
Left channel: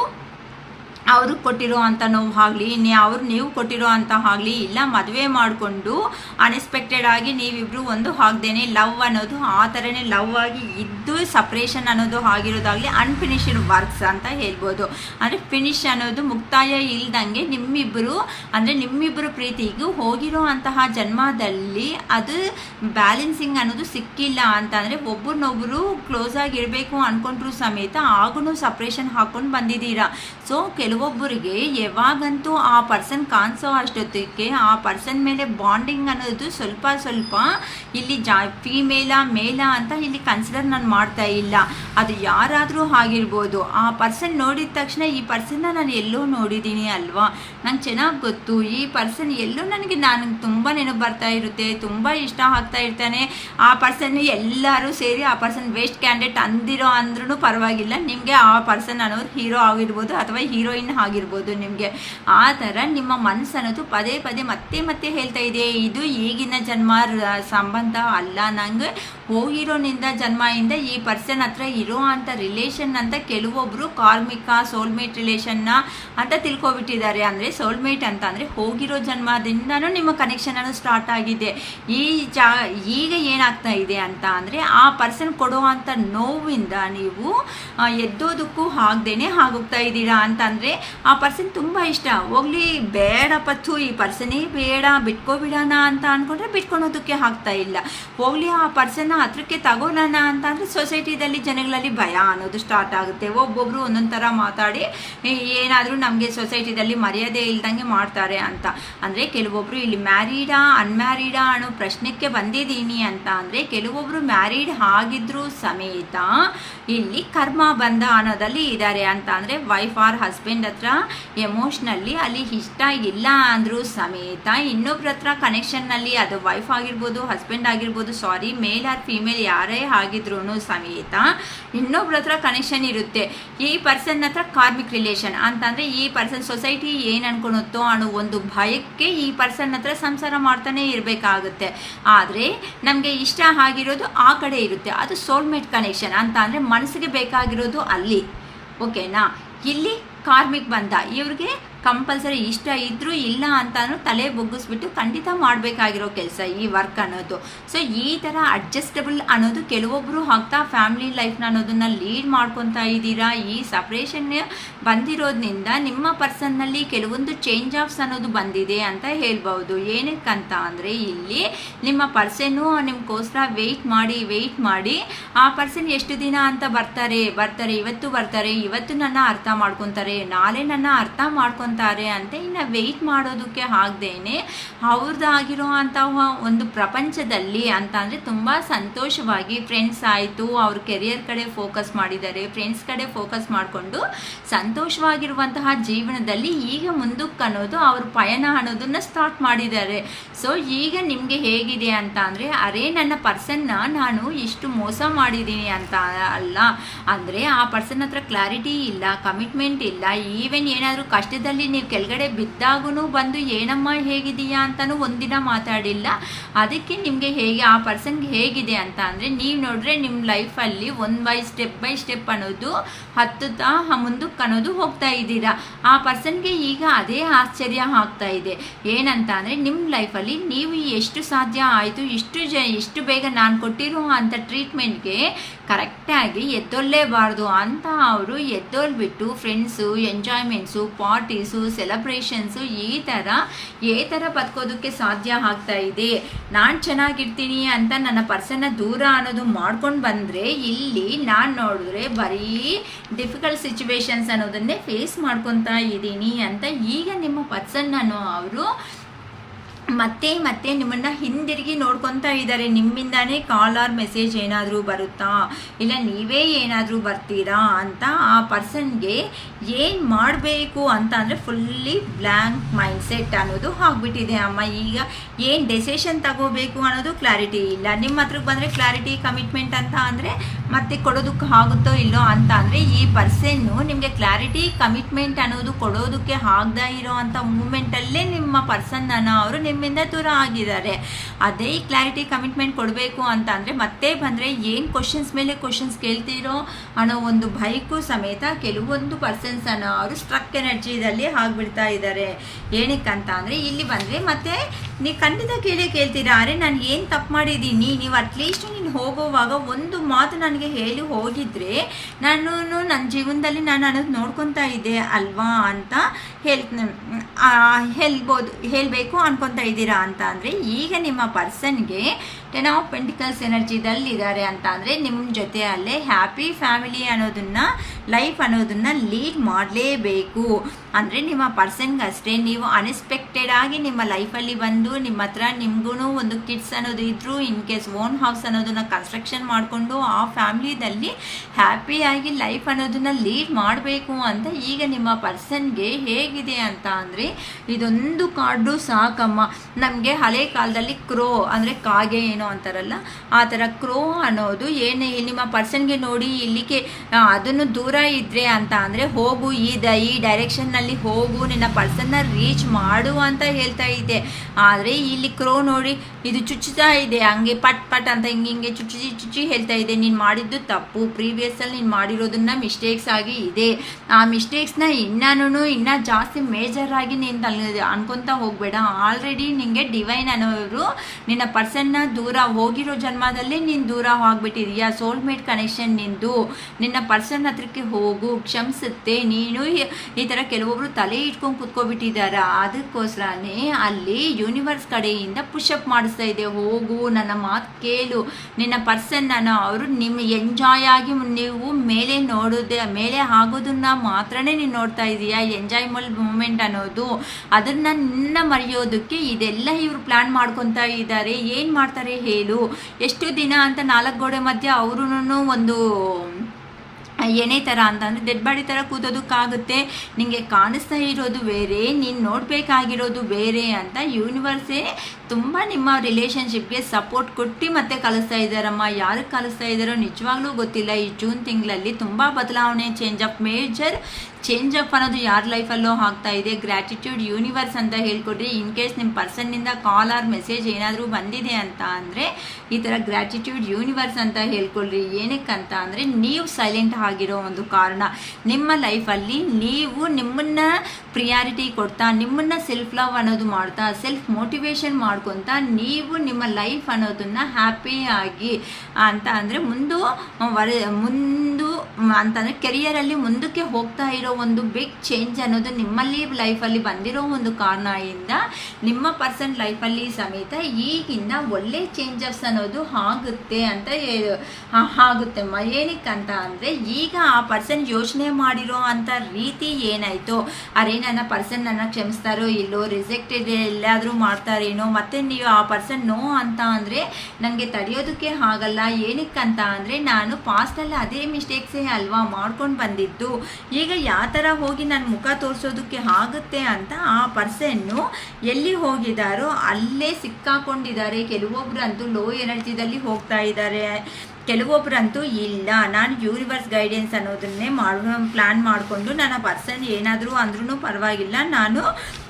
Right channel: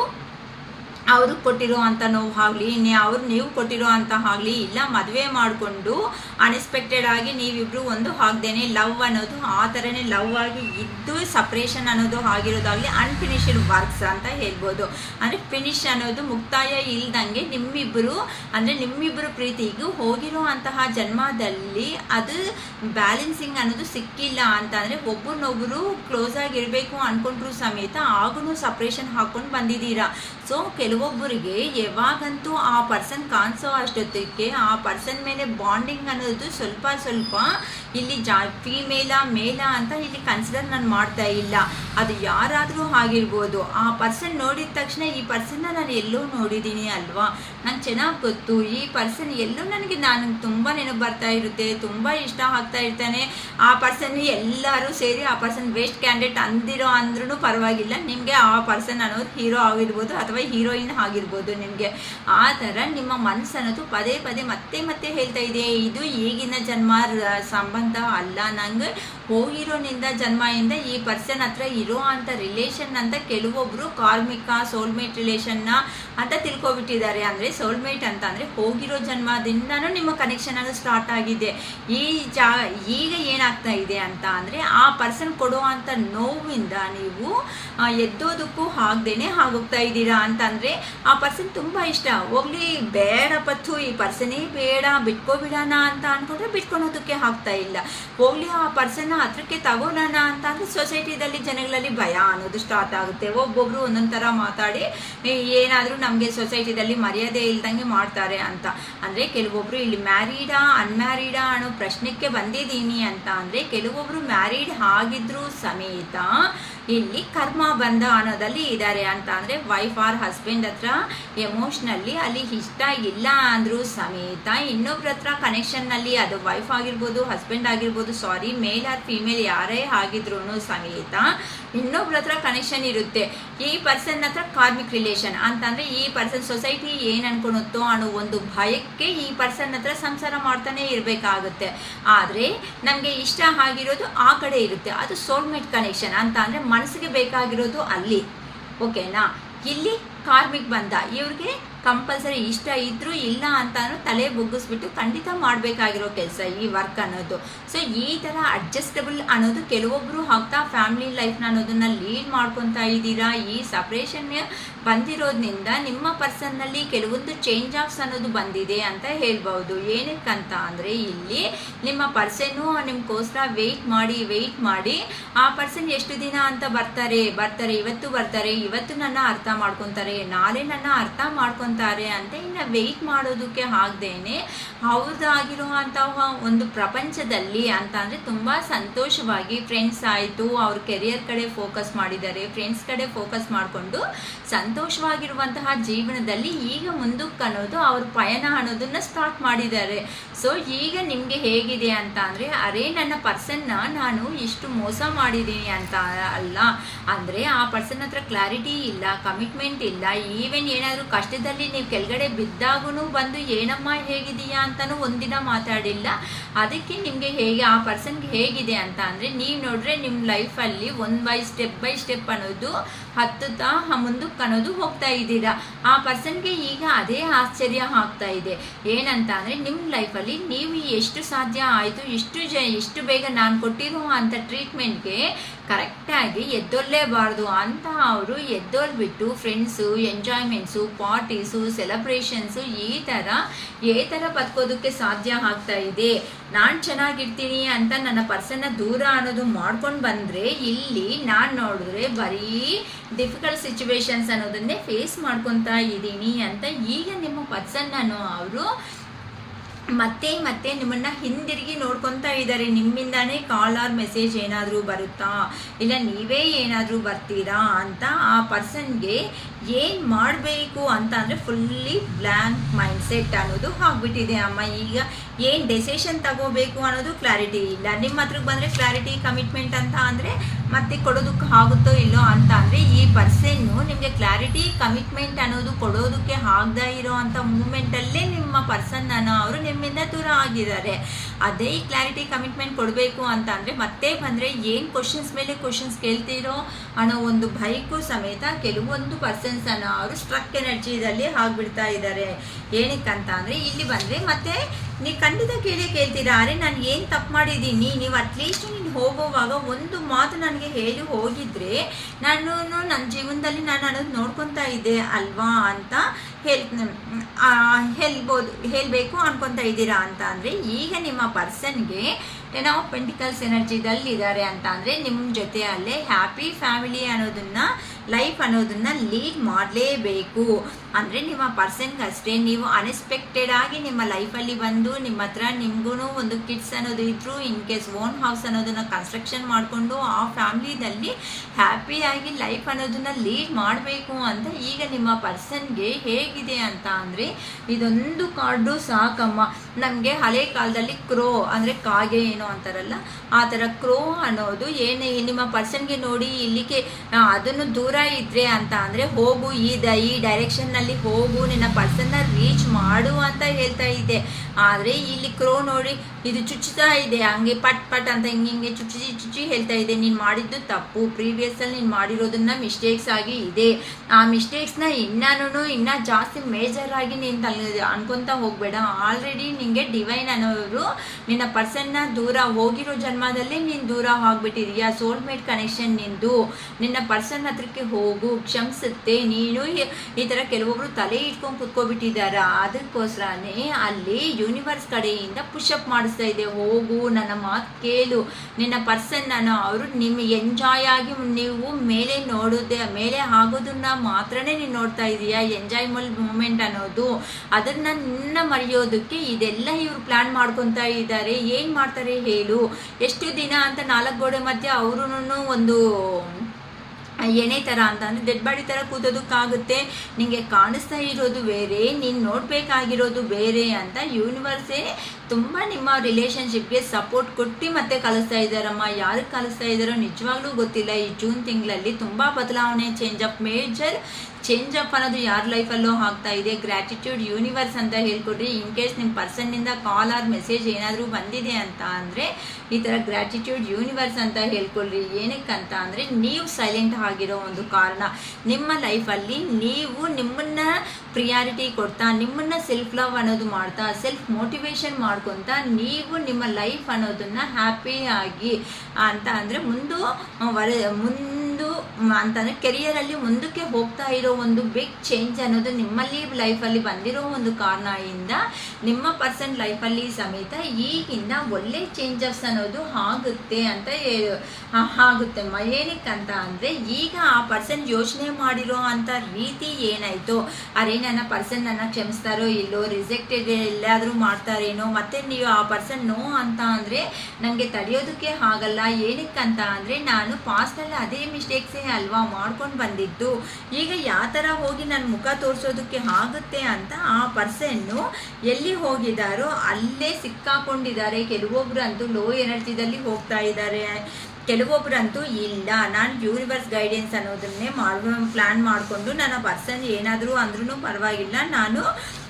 ಅವರು ಕೊಟ್ಟಿರೋ ಅಂಥ ನೋವು ಆಗಲಿ, ನೀವು ಕೊಟ್ಟಿರೋ ಅಂತ ಆಗಲಿ, ಇಲ್ಲ ಮದುವೆ ಮಾಡಿಕೊಂಡು ಅನ್ಎಕ್ಸ್ಪೆಕ್ಟೆಡ್ ಆಗಿ ನೀವಿಬ್ರು ಒಂದು ಆಗದೇನೆ ಲವ್ ಅನ್ನೋದು ಆ ಥರನೇ ಲವ್ ಆಗಿ ಇದ್ದು ಸಪ್ರೇಷನ್ ಅನ್ನೋದು ಆಗಿರೋದಾಗಲಿ ಅನ್ಫಿನಿಶ್ಡ್ ವರ್ಕ್ಸ್ ಅಂತ ಹೇಳ್ಬೋದು. ಅಂದರೆ ಫಿನಿಶ್ ಅನ್ನೋದು ಮುಕ್ತಾಯ ಇಲ್ದಂಗೆ ನಿಮ್ಮಿಬ್ಬರು ಪ್ರೀತಿಗೂ ಹೋಗಿರೋ ಅಂತಹ ಜನ್ಮದಲ್ಲಿ ಅದು ಬ್ಯಾಲೆನ್ಸಿಂಗ್ ಅನ್ನೋದು ಸಿಕ್ಕಿಲ್ಲ ಅಂತ ಅಂದರೆ ಒಬ್ಬರನ್ನೊಬ್ಬರು ಕ್ಲೋಸ್ ಆಗಿರಬೇಕು ಅಂದ್ಕೊಂಡ್ರು ಸಮೇತ ಆಗೂ ಸಪ್ರೇಷನ್ ಹಾಕೊಂಡು ಬಂದಿದ್ದೀರಾ. ಸೊ ಕೆಲವೊಬ್ಬರಿಗೆ ಯಾವಾಗಂತೂ ಆ ಪರ್ಸನ್ ಕಾಣಿಸೋ ಅಷ್ಟೊತ್ತಿಗೆ ಆ ಪರ್ಸನ್ ಮೇಲೆ ಬಾಂಡಿಂಗ್ ಅನ್ನೋದು ಸ್ವಲ್ಪ ಇಲ್ಲಿ ಮೇಲ ಅಂತ ಇಲ್ಲಿ ಕನ್ಸಿಡರ್ ನಾನು ಮಾಡ್ತಾ ಇಲ್ಲ. ಅದು ಯಾರಾದರೂ ಆಗಿರ್ಬೋದು. ಆ ಪರ್ಸನ್ ನೋಡಿದ ತಕ್ಷಣ ಈ ಪರ್ಸನ್ನ ನಾನು ಎಲ್ಲೋ ನೋಡಿದ್ದೀನಿ ಅಲ್ವಾ, ನಂಗೆ ಚೆನ್ನಾಗಿ ಗೊತ್ತು, ಈ ಪರ್ಸನ್ ಎಲ್ಲೋ ನಾನು ತುಂಬ ನೆನಪು ಬರ್ತಾ ಇರುತ್ತೆ, ತುಂಬ ಇಷ್ಟ ಆಗ್ತಾ ಇರ್ತಾನೆ. ಆ ಪರ್ಸನ್ ಎಲ್ಲರೂ ಸೇರಿ ಆ ಪರ್ಸನ್ ವೇಸ್ಟ್ ಕ್ಯಾಂಡಿಡೇಟ್ ಅಂದ್ರೂ ಪರವಾಗಿಲ್ಲ, ನಿಮಗೆ ಆ ಪರ್ಸನ್ ಅನ್ನೋದು ಹೀರೋ ಆಗಿರ್ಬೋದು ಅಥವಾ ಹೀರೋಯಿನ್ ಆಗಿರ್ಬೋದು. ನಿಮಗೆ ಆ ಥರ ನಿಮ್ಮ ಮನಸ್ಸು ಅನ್ನೋದು ಪದೇ ಮತ್ತೆ ಹೇಳ್ತಾ ಇದೆ, ಇದು ಈಗಿನ ಜನ್ಮ ಸಂಬಂಧ ಅಲ್ಲ, ನಂಗೆ ಹೋಗಿರೋನಿಂದ ಜನ್ಮದಿಂದ ಈ ಪರ್ಸನ್ ಹತ್ರ ಇರೋ ಅಂತ ರಿಲೇಷನ್ ಅಂತ ಕೆಲವೊಬ್ರು ಕಾರ್ಮಿಕ ಸೋಲ್ಮೇಟ್ ರಿಲೇಷನ್ನ ಅಂತ ತಿಳ್ಕೊಬಿಟ್ಟಿದ್ದಾರೆ. ಅಂದರೆ ಸೋಲ್ಮೇಟ್ ಅಂತ ಅಂದರೆ ಹೋಗಿರೋ ಜನ್ಮದಿಂದನೂ ನಿಮ್ಮ ಕನೆಕ್ಷನ್ ಅನ್ನೋದು ಸ್ಟಾರ್ಟ್ ಆಗಿದೆ. ಈಗ ಏನಾಗ್ತಾ ಇದೆ ಅಂತ ಅಂದರೆ ಆ ಪರ್ಸನ್ ಕೊಡೋ ಅಂಥ ನೋವಿಂದ ನೀವು ಎದ್ದೋದಕ್ಕೂ ಆಗದೇನೆ ಆಗೋಗ್ತಾ ಇದ್ದೀರಾ. ಅಂತಂದರೆ ಆ ಪರ್ಸನ್ ತುಂಬ ಇಷ್ಟ, ಹೋಗ್ಲಿ ಬೇಡ ಪತ್ತು ಈ ಪರ್ಸನೇ ಬೇಡ ಬಿಟ್ಕೋಬಿಡೋಣ ಅಂತ ಅಂದ್ಕೊಂಡ್ರೆ ಬಿಟ್ಕೊಳೋದಕ್ಕೆ ಆಗ್ತಾ ಇಲ್ಲ. ಹೋಗ್ಲಿ ಆ ಪರ್ಸನ್ ಹತ್ರಕ್ಕೆ ತಗೋಣ ಅಂತ ಅಂದರೆ ಸೊಸೈಟಿದಲ್ಲಿ ಜನಗಳಲ್ಲಿ ಭಯ ಅನ್ನೋದು ಸ್ಟಾರ್ಟ್ ಆಗುತ್ತೆ. ಒಬ್ಬೊಬ್ರು ಒಂದೊಂದು ಥರ ಮಾತಾಡಿ ಏನಾದರೂ ನಮಗೆ ಸೊಸೈಟಿದಲ್ಲಿ ಮರ್ಯಾದೆ ಇಲ್ದಂಗೆ ಮಾಡ್ತಾರೆ ಅಂತ. ಅಂದರೆ ಕೆಲವೊಬ್ರು ಇಲ್ಲಿ ಮ್ಯಾರೀಡಾ ಅನ್ಮ್ಯಾರೀಡಾ ಅನ್ನೋ ಪ್ರಶ್ನೆಗೆ ಬಂದಿದ್ದೀನಿ ಅಂತ ಅಂದರೆ ಕೆಲವೊಬ್ರು ಮ್ಯಾರೀಡ್ ಆಗಿದ್ರು ಸಮೇತ ಇಲ್ಲಿ ಕರ್ಮ ಬಂಧ ಅನ್ನೋದಲ್ಲಿ ಇದ್ದಾರೆ ಅಂತ. ಅಂದರೆ ವೈಫ್ ಆರ್ ಹಸ್ಬೆಂಡ್ ಹತ್ರ ಎಮೋಷ್ನಲ್ಲಿ ಅಲ್ಲಿ ಇಷ್ಟ ಇಲ್ಲ ಅಂದರೂ ಸಮೇತ ಇನ್ನೊಬ್ರ ಹತ್ರ ಕನೆಕ್ಷನ್ನಲ್ಲಿ ಅದು ವೈಫ್ ಆಗಿರ್ಬೋದು ಹಸ್ಬೆಂಡ್ ಆಗಿರ್ಬೋದು ಮೇಲ್ ಆರ್ ಫೀಮೇಲ್ ಯಾರೇ ಆಗಿದ್ರು ಸಮೇತ ಇನ್ನೊಬ್ರ ಹತ್ರ ಕನೆಕ್ಷನ್ ಇರುತ್ತೆ. ಈ ಪರ್ಸನ್ ಹತ್ರ ಕಾರ್ಮಿಕ್ ರಿಲೇಷನ್ ಅಂತಂದರೆ ಈ ಪರ್ಸನ್ ಸೊಸೈಟಿ ಏನು ಅನ್ಕೊಳುತ್ತೋ ಅನ್ನೋ ಒಂದು ಭಯಕ್ಕೆ ಈ ಪರ್ಸನ್ ಹತ್ರ ಸಂಸಾರ ಮಾಡ್ತಾನೆ ಇರಬೇಕಾಗುತ್ತೆ. ಆದರೆ ನಮಗೆ ಇಷ್ಟ ಆಗಿರೋದು ಆ ಕಡೆ ಇರುತ್ತೆ, ಅದು ಸೋಲ್ಮೇಟ್ ಕನೆಕ್ಷನ್ ಅಂತ. ಅಂದರೆ ಮನಸ್ಸಿಗೆ ಬೇಕಾಗಿರೋದು ಅಲ್ಲಿ, ಓಕೆನಾ. ಇಲ್ಲಿ ಕಾರ್ಮಿಕ್ ಬಂದ ಇವ್ರಿಗೆ ಕಂಪಲ್ಸರಿ ಇಷ್ಟ ಇದ್ರೂ ಇಲ್ಲ ಅಂತಾನು ತಲೆ ಬೊಗ್ಗಿಸ್ಬಿಟ್ಟು ಖಂಡಿತ ಮಾಡಬೇಕಾಗಿರೋ ಕೆಲಸ ಈ ವರ್ಕ್ ಅನ್ನೋದು. ಸೊ ಈ ಥರ ಅಡ್ಜಸ್ಟಬಲ್ ಅನ್ನೋದು ಕೆಲವೊಬ್ಬರು ಆಗ್ತಾ ಫ್ಯಾಮಿಲಿ ಲೈಫ್ನ ಅನ್ನೋದನ್ನ ಲೀಡ್ ಮಾಡ್ಕೊತಾ ಇದ್ದೀರಾ. ಈ ಸಪ್ರೇಷನ್ ಬಂದಿರೋದ್ರಿಂದ ನಿಮ್ಮ ಪರ್ಸನ್ನಲ್ಲಿ ಕೆಲವೊಂದು ಚೇಂಜ್ ಆಫ್ಸ್ ಅನ್ನೋದು ಬಂದಿದೆ ಅಂತ ಹೇಳ್ಬೋದು. ಏನಕ್ಕಂತ ಅಂದರೆ ಇಲ್ಲಿ ನಿಮ್ಮ ಪರ್ಸನ್ನು ನಿಮ್ಗೋಸ್ಕರ ವೆಯ್ಟ್ ಮಾಡಿ ಆ ಪರ್ಸನ್ ಎಷ್ಟು ದಿನ ಅಂತ ಬರ್ತಾರೆ, ಇವತ್ತು ನನ್ನ ಅರ್ಥ ಮಾಡ್ಕೊತಾರೆ, ನಾಳೆ ನನ್ನ ಅರ್ಥ ಮಾಡ್ಕೊತಾರೆ ಅಂತ ಇನ್ನು ವೆಯ್ಟ್ ಮಾಡೋದಕ್ಕೆ ಆಗದೇನೆ ಅವ್ರದ್ದಾಗಿರೋ ಅಂತಹ ಒಂದು ಪ್ರಪಂಚದಲ್ಲಿ ಅಂತ ಅಂದರೆ ತುಂಬ ಸಂತೋಷವಾಗಿ ಫ್ರೆಂಡ್ಸ್ ಆಯಿತು, ಅವ್ರ ಕೆರಿಯರ್ ಕಡೆ ಫೋಕಸ್ ಮಾಡಿದ್ದಾರೆ, ಫ್ರೆಂಡ್ಸ್ ಕಡೆ ಫೋಕಸ್ ಮಾಡಿಕೊಂಡು ಸಂತೋಷವಾಗಿರುವಂತಹ ಜೀವನದಲ್ಲಿ ಈಗ ಮುಂದಕ್ಕೆ ಅನ್ನೋದು ಅವ್ರ ಪಯಣ ಅನ್ನೋದನ್ನ ಸ್ಟಾರ್ಟ್ ಮಾಡಿದ್ದಾರೆ. ಸೊ ಈಗ ನಿಮಗೆ ಹೇಗಿದೆ ಅಂತ ಅಂದರೆ ಅರೇ ನನ್ನ ಪರ್ಸನ್ನ ನಾನು ಇಷ್ಟು ಮೋಸ ಮಾಡಿದ್ದೀನಿ ಅಂತ ಅಲ್ಲ, ಅಂದರೆ ಆ ಪರ್ಸನ್ ಹತ್ರ ಕ್ಲಾರಿಟಿ ಇಲ್ಲ, ಕಮಿಟ್ಮೆಂಟ್ ಇಲ್ಲ. ಈವನ್ ಏನಾದರೂ ಕಷ್ಟದಲ್ಲಿ ನೀವು ಕೆಳಗಡೆ ಬಿದ್ದಾಗೂ ಬಂದು ಏನಮ್ಮ ಹೇಗಿದೆಯಾ ಅಂತಲೂ ಒಂದಿನ ಮಾತಾಡಿಲ್ಲ. ಅದಕ್ಕೆ ನಿಮಗೆ ಹೇಗೆ ಆ ಪರ್ಸನ್ಗೆ ಹೇಗಿದೆ ಅಂತ ಅಂದರೆ ನೀವು ನೋಡ್ರೆ ನಿಮ್ಮ ಲೈಫಲ್ಲಿ ಸ್ಟೆಪ್ ಬೈ ಸ್ಟೆಪ್ ಅನ್ನೋದು ಹತ್ತುತ್ತಾ ಮುಂದಕ್ಕೆ ಅನ್ನೋದು ಹೋಗ್ತಾ ಇದ್ದೀರಾ. ಆ ಪರ್ಸನ್ಗೆ ಈಗ ಅದೇ ಆಶ್ಚರ್ಯ ಆಗ್ತಾ ಇದೆ. ಏನಂತ ಅಂದರೆ ನಿಮ್ಮ ಲೈಫಲ್ಲಿ ನೀವು ಎಷ್ಟು ಸಾಧ್ಯ ಆಯಿತು, ಎಷ್ಟು ಬೇಗ ನಾನು ಕೊಟ್ಟಿರೋ ಅಂಥ ಟ್ರೀಟ್ಮೆಂಟ್ಗೆ ಕರೆಕ್ಟಾಗಿ ಎದ್ದೊಳ್ಳೇಬಾರ್ದು ಅಂತ ಅವರು ಎದ್ದೊಳ್ಬಿಟ್ಟು ಫ್ರೆಂಡ್ಸು, ಎಂಜಾಯ್ಮೆಂಟ್ಸು, ಪಾರ್ಟೀಸು, ಸೆಲೆಬ್ರೇಷನ್ಸು ಈ ಥರ ಬದುಕೋದಕ್ಕೆ ಸಾಧ್ಯ ಆಗ್ತಾ ಇದೆ. ನಾನು ಚೆನ್ನಾಗಿರ್ತೀನಿ ಅಂತ ನನ್ನ ಪರ್ಸನ್ನ ದೂರ ಅನ್ನೋದು ಮಾಡ್ಕೊಂಡು ಬಂದರೆ ಇಲ್ಲಿ ನಾನು ನೋಡಿದ್ರೆ ಬರೀ ಡಿಫಿಕಲ್ಟ್ ಸಿಚುವೇಶನ್ಸ್ ಅನ್ನೋದನ್ನೇ ಫೇಸ್ ಮಾಡ್ಕೊತಾ ಇದ್ದೀನಿ ಅಂತ ಈಗ ನಿಮ್ಮ ಪರ್ಸನ್ನನ್ನು ಅವರು ಮತ್ತೆ ಮತ್ತೆ ನಿಮ್ಮನ್ನ ಹಿಂದಿರುಗಿ ನೋಡ್ಕೊತಾ ಇದ್ದಾರೆ. ನಿಮ್ಮಿಂದಾನೇ ಕಾಲ್ ಆರ್ ಮೆಸೇಜ್ ಏನಾದರೂ ಬರುತ್ತಾ, ಇಲ್ಲ ನೀವೇ ಏನಾದರೂ ಬರ್ತೀರಾ ಅಂತ ಆ ಪರ್ಸನ್ಗೆ ಏನು ಮಾಡಬೇಕು ಅಂತ ಅಂದರೆ ಫುಲ್ಲಿ ಬ್ಲ್ಯಾಂಕ್ ಮೈಂಡ್ಸೆಟ್ ಅನ್ನೋದು ಆಗ್ಬಿಟ್ಟಿದೆ ಅಮ್ಮ. ಈಗ ಏನು ಡೆಸಿಷನ್ ತಗೋಬೇಕು ಅನ್ನೋದು ಕ್ಲಾರಿಟಿ ಇಲ್ಲ. ನಿಮ್ಮ ಹತ್ರಕ್ಕೆ ಬಂದರೆ ಕ್ಲಾರಿಟಿ ಕಮಿಟ್ಮೆಂಟ್ ಅಂತ ಅಂದರೆ ಮತ್ತೆ ಕೊಡೋದಕ್ಕೆ ಆಗುತ್ತೋ ಇಲ್ಲೋ ಅಂತ ಅಂದರೆ ಈ ಪರ್ಸನ್ನು ನಿಮಗೆ ಕ್ಲಾರಿಟಿ ಕಮಿಟ್ಮೆಂಟ್ ಅನ್ನೋದು ಕೊಡೋದಕ್ಕೆ ಆಗದೇ ಇರೋ ಅಂಥ ಮೂಮೆಂಟಲ್ಲೇ ನಿಮ್ಮ ಪರ್ಸನ್ನ ಅವರು ನಿಮ್ಮಿಂದ ದೂರ ಆಗಿದ್ದಾರೆ. ಅದೇ ಕ್ಲಾರಿಟಿ ಕಮಿಟ್ಮೆಂಟ್ ಕೊಡಬೇಕು ಅಂತ ಅಂದರೆ ಮತ್ತೆ ಬಂದರೆ ಏನು ಕ್ವಶನ್ಸ್ ಮೇಲೆ ಕ್ವಶನ್ಸ್ ಕೇಳ್ತೀರೋ ಅನ್ನೋ ಒಂದು ಭಯಕ್ಕೂ ಸಮೇತ ಕೆಲವೊಂದು ಪರ್ಸನ್ಸ್ ಅನ್ನು ಅವರು ಸ್ಟ್ರಕ್ ಎನರ್ಜಿದಲ್ಲಿ ಆಗಿಬಿಡ್ತಾ ಇದ್ದಾರೆ. ಏನಕ್ಕಂತ ಅಂದರೆ ಇಲ್ಲಿ ಬಂದರೆ ಮತ್ತೆ ನೀವು ಖಂಡಿತ ಕೇಳ್ತೀರಾ, ಅರೆ ನಾನು ಏನು ತಪ್ಪು ಮಾಡಿದ್ದೀನಿ, ನೀವು ಅಟ್ಲೀಸ್ಟ್ ನೀನು ಹೋಗುವಾಗ ಒಂದು ಮಾತು ನನಗೆ ಹೇಳಿ ಹೋಗಿದ್ರೆ ನಾನು ನನ್ನ ಜೀವನದಲ್ಲಿ ನಾನು ಅನ್ನೋದು ನೋಡ್ಕೊತಾ ಇದ್ದೆ ಅಲ್ವಾ ಅಂತ ಹೇಳಬೇಕು ಅನ್ಕೊತಾ ಇದ್ದೀರಾ ಅಂತ ಅಂದರೆ ಈಗ ನಿಮ್ಮ ಪರ್ಸನ್ಗೆ 10 ಆಫ್ ಪೆಂಟಿಕಲ್ಸ್ ಎನರ್ಜಿದಲ್ಲಿ ಇದ್ದಾರೆ ಅಂತ ಅಂದರೆ ನಿಮ್ಮ ಜೊತೆ ಅಲ್ಲೇ ಹ್ಯಾಪಿ ಫ್ಯಾಮಿಲಿ ಅನ್ನೋದನ್ನ ಲೈಫ್ ಅನ್ನೋದನ್ನ ಲೀಡ್ ಮಾಡಲೇಬೇಕು. ಅಂದರೆ ನಿಮ್ಮ ಪರ್ಸನ್ಗೆ ಅಷ್ಟೇ ನೀವು ಅನ್ಎಕ್ಸ್ಪೆಕ್ಟೆಡ್ ಆಗಿ ನಿಮ್ಮ ಲೈಫಲ್ಲಿ ಬಂದು ನಿಮ್ಮ ಹತ್ರ ನಿಮ್ಗೂ ಒಂದು ಕಿಡ್ಸ್ ಅನ್ನೋದು ಇದ್ರು, ಇನ್ ಕೇಸ್ ಓನ್ ಹೌಸ್ ಅನ್ನೋದನ್ನ ಕನ್ಸ್ಟ್ರಕ್ಷನ್ ಮಾಡಿಕೊಂಡು ಆ ಫ್ಯಾಮಿಲಿದಲ್ಲಿ ಹ್ಯಾಪಿಯಾಗಿ ಲೈಫ್ ಅನ್ನೋದನ್ನ ಲೀಡ್ ಮಾಡಬೇಕು ಅಂತ ಈಗ ನಿಮ್ಮ ಪರ್ಸನ್ಗೆ ಹೇಗಿದೆ ಅಂತ ಅಂದರೆ ಇದೊಂದು ಕಾರ್ಡು ಸಾಕಮ್ಮ. ನಮಗೆ ಹಳೆ ಕಾಲದಲ್ಲಿ ಕ್ರೋ ಅಂದರೆ ಕಾಗೆ ಏನೋ ಅಂತಾರಲ್ಲ, ಆ ಥರ ಕ್ರೋ ಅನ್ನೋದು ಏನೇ ನಿಮ್ಮ ಪರ್ಸನ್ಗೆ ನೋಡಿ ಇಲ್ಲಿಗೆ ಅದನ್ನು ದೂರ ಇದ್ರೆ ಅಂತ ಅಂದರೆ ಹೋಗು ಈ ಡೈರೆಕ್ಷನ್ನಲ್ಲಿ ಹೋಗು, ನಿನ್ನ ಪರ್ಸನ್ನ ರೀಚ್ ಮಾಡು ಅಂತ ಹೇಳ್ತಾ ಇದೆ. ಆದರೆ ಇಲ್ಲಿ ಕ್ರೋ ನೋಡಿ ಇದು ಚುಚ್ಚುತ್ತಾ ಇದೆ, ಹಂಗೆ ಪಟ್ ಪಟ್ ಅಂತ ಹಿಂಗೆ ಚುಚ್ಚಿ ಹೇಳ್ತಾ ಇದೆ, ನೀನು ಮಾಡಿದ್ದು ತಪ್ಪು, ಪ್ರೀವಿಯಸ್ಸಲ್ಲಿ ನೀನು ಮಾಡಿರೋದನ್ನ ಮಿಸ್ಟೇಕ್ಸ್ ಆಗಿ ಇದೆ, ಆ ಮಿಸ್ಟೇಕ್ಸ್ನ ಇನ್ನೂ ಜಾಸ್ತಿ ಮೇಜರ್ ಆಗಿ ನೀನು ಅನ್ಕೊತಾ ಹೋಗ್ಬೇಡ. ಆಲ್ರೆಡಿ ನಿನಗೆ ಡಿವೈನ್ ಅನ್ನೋರು ನಿನ್ನ ಪರ್ಸನ್ನ ದೂರ ಹೋಗಿರೋ ಜನ್ಮದಲ್ಲಿ ನೀನು ದೂರ ಹೋಗ್ಬಿಟ್ಟಿದೀಯಾ. ಸೋಲ್ಮೇಟ್ ಕನೆಕ್ಷನ್ ನಿಂದು, ನಿನ್ನ ಪರ್ಸನ್ ಹತ್ರಕ್ಕೆ ಹೋಗು, ಕ್ಷಮಿಸುತ್ತೆ. ನೀನು ಈ ಥರ ಕೆಲವೊಬ್ರು ತಲೆ ಇಟ್ಕೊಂಡು ಕುತ್ಕೊಬಿಟ್ಟಿದಾರ, ಅದಕ್ಕೋಸ್ಕರನೇ ಅಲ್ಲಿ ಯೂನಿವರ್ಸ್ ಕಡೆಯಿಂದ ಪುಷಪ್ ಮಾಡಿಸ್ತಾ ಇದೆ, ಹೋಗು ನನ್ನ ಮಾತು ಕೇಳು. ನಿನ್ನ ಪರ್ಸನ್ ಅವರು ನಿಮ್ಮ ಎಂಜಾಯ್ ಆಗಿ ನೀವು ಮೇಲೆ ಮೇಲೆ ಆಗೋದನ್ನ ಮಾತ್ರನೇ ನೀನು ನೋಡ್ತಾ ಇದೀಯಾ. ಎಂಜಾಯ್ಬಲ್ ಮೂಮೆಂಟ್ ಅನ್ನೋದು ಅದನ್ನ ನಿನ್ನ ಮರೆಯೋದಕ್ಕೆ ಇದೆಲ್ಲ ಇವ್ರು ಪ್ಲಾನ್ ಮಾಡ್ಕೊತಾ ಇದ್ದಾರೆ. ಏನು ಮಾಡ್ತಾರೆ ಹೇಳು, ಎಷ್ಟು ದಿನ ಅಂತ 4 ಗೋಡೆ ಮಧ್ಯೆ ಅವರು ಒಂದು ಏನೇ ಥರ ಅಂತಂದರೆ ಡೆಡ್ ಬಾಡಿ ಥರ ಕೂತೋದಕ್ಕಾಗುತ್ತೆ. ನಿಮಗೆ ಕಾಣಿಸ್ತಾ ಇರೋದು ಬೇರೆ, ನೀನು ನೋಡಬೇಕಾಗಿರೋದು ಬೇರೆ ಅಂತ ಯೂನಿವರ್ಸೇ ತುಂಬ ನಿಮ್ಮ ರಿಲೇಷನ್ಶಿಪ್ಗೆ ಸಪೋರ್ಟ್ ಕೊಟ್ಟು ಮತ್ತೆ ಕಳಿಸ್ತಾ ಇದ್ದಾರಮ್ಮ. ಯಾರಿಗೆ ಕಳಿಸ್ತಾ ಇದ್ದಾರೋ ನಿಜವಾಗ್ಲೂ ಗೊತ್ತಿಲ್ಲ. ಈ ಜೂನ್ ತಿಂಗಳಲ್ಲಿ ತುಂಬ ಬದಲಾವಣೆ, ಮೇಜರ್ ಚೇಂಜ್ ಅಪ್ ಅನ್ನೋದು ಯಾರ ಲೈಫಲ್ಲೂ ಆಗ್ತಾ ಇದೆ. ಗ್ರ್ಯಾಟಿಟ್ಯೂಡ್ ಯೂನಿವರ್ಸ್ ಅಂತ ಹೇಳ್ಕೊಡ್ರಿ. ಇನ್ ಕೇಸ್ ನಿಮ್ಮ ಪರ್ಸನ್ನಿಂದ ಕಾಲ್ ಆರ್ ಮೆಸೇಜ್ ಏನಾದರೂ ಬಂದಿದೆ ಅಂತ ಅಂದರೆ ಈ ಥರ ಗ್ರ್ಯಾಟಿಟ್ಯೂಡ್ ಯೂನಿವರ್ಸ್ ಅಂತ ಹೇಳ್ಕೊಳ್ರಿ. ಏನಕ್ಕಂತ ಅಂದರೆ ನೀವು ಸೈಲೆಂಟ್ ಆಗಿರೋ ಒಂದು ಕಾರಣ. ನಿಮ್ಮ ಲೈಫಲ್ಲಿ ನೀವು ನಿಮ್ಮನ್ನ ಪ್ರಿಯಾರಿಟಿ ಕೊಡ್ತಾ, ನಿಮ್ಮನ್ನ ಸೆಲ್ಫ್ ಲವ್ ಅನ್ನೋದು ಮಾಡ್ತಾ, ಸೆಲ್ಫ್ ಮೋಟಿವೇಶನ್ ಮಾಡ್ಕೊತಾ ನೀವು ನಿಮ್ಮ ಲೈಫ್ ಅನ್ನೋದನ್ನ ಹ್ಯಾಪಿಯಾಗಿ ಅಂತ ಅಂದರೆ ಮುಂದು ಅಂತಂದರೆ ಕೆರಿಯರಲ್ಲಿ ಮುಂದಕ್ಕೆ ಹೋಗ್ತಾ ಇರೋ ಒಂದು ಬಿಗ್ ಚೇಂಜ್ ಅನ್ನೋದು ನಿಮ್ಮಲ್ಲಿ ಲೈಫಲ್ಲಿ ಬಂದಿರೋ ಒಂದು ಕಾರಣದಿಂದ ನಿಮ್ಮ ಪರ್ಸನ್ ಲೈಫಲ್ಲಿ ಸಮೇತ ಈಗಿಂದ ಒಳ್ಳೆ ಚೇಂಜಸ್ ಅನ್ನೋದು ಆಗುತ್ತೆ ಅಂತ ಆಗುತ್ತೆ. ಏನಕ್ಕಂತ ಅಂದರೆ ಈಗ ಆ ಪರ್ಸನ್ ಯೋಚನೆ ಮಾಡಿರೋ ಅಂಥ ರೀತಿ ಏನಾಯಿತು, ಅರೆ ನನ್ನ ಪರ್ಸನ್ ನನ್ನ ಕ್ಷಮಿಸ್ತಾರೋ ಇಲ್ಲೋ, ರಿಜೆಕ್ಟೆಡ್ ಎಲ್ಲಾದರೂ ಮಾಡ್ತಾರೇನೋ, ಮತ್ತೆ ನೀವು ಆ ಪರ್ಸನ್ ನೋ ಅಂತ ಅಂದರೆ ನನಗೆ ತಡೆಯೋದಕ್ಕೆ ಆಗಲ್ಲ. ಏನಕ್ಕಂತ ಅಂದರೆ ನಾನು ಪಾಸ್ಟಲ್ಲಿ ಅದೇ ಮಿಸ್ಟೇಕ್ಸೇ ಅಲ್ವಾ ಮಾಡ್ಕೊಂಡು ಬಂದಿದ್ದು, ಈಗ ಯಾವ ಥರ ಹೋಗಿ ನನ್ನ ಮುಖ ತೋರಿಸೋದಕ್ಕೆ ಆಗುತ್ತೆ ಅಂತ ಆ ಪರ್ಸನ್ನು ಎಲ್ಲಿ ಹೋಗಿದ್ದಾರೋ ಅಲ್ಲೇ ಸಿಕ್ಕಾಕೊಂಡಿದ್ದಾರೆ. ಕೆಲವೊಬ್ರು ಅಂತೂ ಲೋ ಎನರ್ಜಿದಲ್ಲಿ ಹೋಗ್ತಾ ಇದ್ದಾರೆ, ಕೆಲವೊಬ್ಬರಂತೂ ಇಲ್ಲ ನಾನು ಯೂನಿವರ್ಸ್ ಗೈಡೆನ್ಸ್ ಅನ್ನೋದನ್ನೇ ಪ್ಲ್ಯಾನ್ ಮಾಡಿಕೊಂಡು ನನ್ನ ಪರ್ಸನ್ ಏನಾದರೂ ಅಂದ್ರೂ ಪರವಾಗಿಲ್ಲ ನಾನು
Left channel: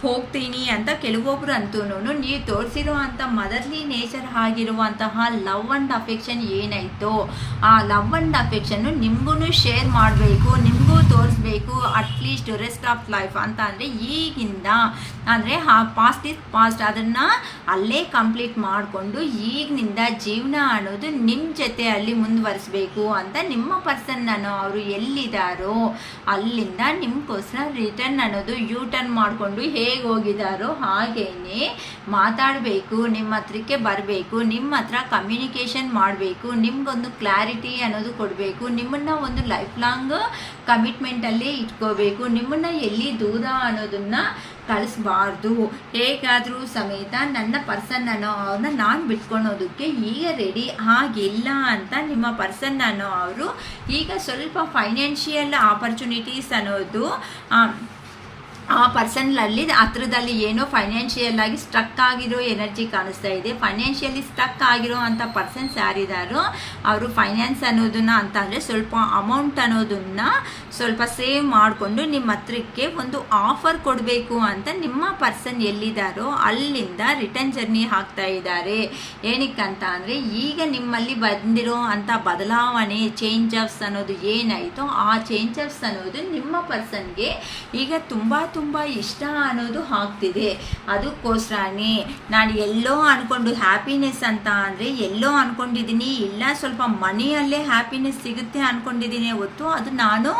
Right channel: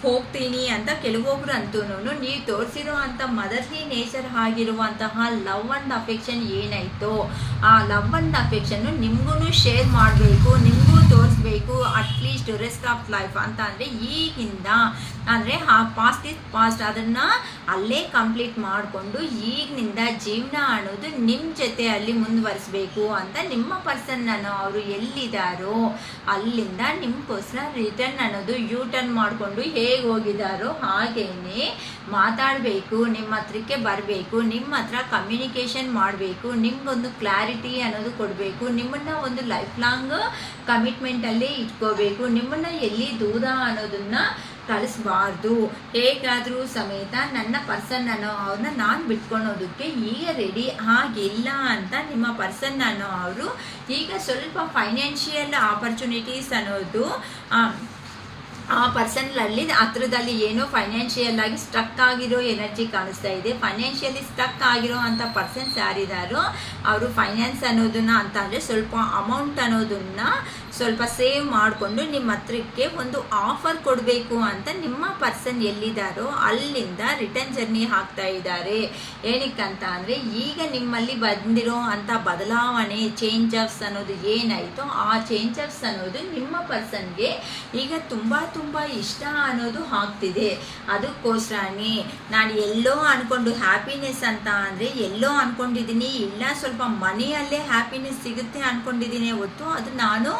ಹೋಗ್ತೀನಿ ಅಂತ ಕೆಲವೊಬ್ರು ಅಂತೂ ನೀವು ತೋರಿಸಿರೋ ಅಂಥ ಮದರ್ಲಿ ನೇಚರ್ ಆಗಿರುವಂತಹ ಲವ್ ಆ್ಯಂಡ್ ಅಫೆಕ್ಷನ್ ಏನಾಯಿತೋ ಆ ಲವ್ ಆ್ಯಂಡ್ ಅಫೆಕ್ಷನ್ನು ನಿಮಗೂ ಶೇರ್ ಮಾಡಬೇಕು, ನಿಮಗೂ ತೋರಿಸ್ಬೇಕು ಅಟ್ಲೀಸ್ಟ್ ರೆಸ್ಟ್ ಆಫ್ ಲೈಫ್ ಅಂತ ಅಂದರೆ ಈಗಿಂದ ಅಂದರೆ ಆ ಪಾಸ್ಟ್ ಇಸ್ ಪಾಸ್ಟ್ ಅದನ್ನು ಅಲ್ಲೇ ಕಂಪ್ಲೀಟ್ ಮಾಡಿಕೊಂಡು ಈಗಿನಿಂದ ಜೀವನ ಅನ್ನೋದು ನಿಮ್ಮ ಜೊತೆ ಅಲ್ಲಿ ಮುಂದುವರಿಸಬೇಕು ಅಂತ ನಿಮ್ಮ ಪರ್ಸನ್ ಅವರು ಎಲ್ಲಿದ್ದಾರೋ ಅಲ್ಲಿಂದ ನಿಮಗೋಸ್ಕರ ರಿಟರ್ನ್ ಅನ್ನೋದು ಯೂ ಟರ್ನ್ ಮಾಡಿಕೊಂಡು ಹೇಗೆ ಹೋಗಿದ್ದಾರೋ ಹಾಗೇನೆ ಮಾತಾಡಬೇಕು, ನಿಮ್ಮ ಹತ್ರಕ್ಕೆ ಬರಬೇಕು, ನಿಮ್ಮ ಹತ್ರ ಕಮ್ಯುನಿಕೇಷನ್ ಮಾಡಬೇಕು, ನಿಮ್ಗೊಂದು ಕ್ಲಾರಿಟಿ ಅನ್ನೋದು ಕೊಡಬೇಕು, ನಿಮ್ಮನ್ನ ಒಂದು ಲೈಫ್ ಲಾಂಗ್ ಕಮಿಟ್ಮೆಂಟಲ್ಲಿ ಇಟ್ಕೋಬೇಕು, ನಿಮ್ಮನ್ನ ಎಲ್ಲಿ ದೂರ ಅನ್ನೋದನ್ನ ಕಳಿಸ್ಬಾರ್ದು, ಹೇಗಾದರೂ ಸಮೇತ ನನ್ನ ಪರ್ಸನ್ ಅನ್ನೋ ಅವ್ರನ್ನ ನಾನು ಬಿಟ್ಕೊಳೋದಕ್ಕೆ ಈಗ ರೆಡಿ ಆಗಿಲ್ಲ ಅಂತ ನಿಮ್ಮ ಪರ್ಸನ್ ಅನ್ನೋ ಅವರು ಈಗ ಸ್ವಲ್ಪ ಫೈನಾನ್ಷಿಯಲ್ ಆಪರ್ಚುನಿಟೀಸ್ ಅನ್ನೋದು ಆ ಪರ್ಸನ್ನಲ್ಲಿ ಹತ್ರದಲ್ಲಿ ಏನೋ ಫೈನಾನ್ಷಿಯಲ್ ಆಗಿ ಸ್ಟಕ್ ಆಗಿರೋ ಎನರ್ಜಿ ಕಾಣಿಸ್ತಾ ಇದೆ. ಫೈನಾನ್ಷಿಯಲಿ ಸ್ಟಕ್ ಆಗಿರೋ ಅಂಥ ಪರ್ಸನ್ಸ್ ಯಾರಿದ್ದಾರೋ ಅವರು ಫೈನಾನ್ಸ್ ಅನ್ನೋದನ್ನ ಅಂತ ಅಂದರೆ ಸ್ವಲ್ಪ ಅಮೌಂಟ್ ಅನ್ನೋದನ್ನ ಸ್ವಲ್ಪ ಸೇವ್ ಮಾಡಿಕೊಂಡು ನಿಮ್ಮ ಹತ್ರಕ್ಕೆ ಒಂದು ಆಫರ್ ಕೊಡಬೇಕು ಅಂತ ನಿಮ್ಮ ಪರ್ಸನ್ ಎಲ್ಲಿದ್ದಾರೋ ಅಲ್ಲಿಂದ ರಿಟರ್ನ್ ಜರ್ನಿ ಆಗ್ತಾ ಇದ್ದಾರೆ. ಏನಕ್ಕಂತ ಅಂದರೆ ಈಗ ನಿಮ್ಮಲ್ಲಿ ಬಂದಿರೋ ಅಂಥ ಬದಲಾವಣೆ ಚೇಂಜಸ್ ಅನ್ನೋದು ಏನಾಯಿತೋ ಆ ಚೇಂಜಸ್ ಅನ್ನೋದು ನಿಮ್ಮ ಪರ್ಸನ್ಗೆ ಈಗ ತುಂಬ ಇಷ್ಟ ಅನ್ನೋದು ಆಗ್ತಿದೆ. ಅದಕ್ಕೋಸ್ಕರನೇ ನಾನು ಎಲ್ಲೋ ಅನ್ಕೊಂಡು ಹ್ಯಾಪಿನೆಸ್ ಅಂತ ಅಂದರೆ ಎಲ್ಲೋ ಅನ್ಕೊಂಡಿದ್ದೀನಿ, ಇಲ್ಲ ಸ್ವಲ್ಪ ಮನಿಯಲ್ಲೇ ಹ್ಯಾಪಿನೆಸ್ ಸಿಗುತ್ತೆ ಅನ್ಕೊಂಡಿದ್ದೀನಿ ಹೊತ್ತು ಅದು ನಾನು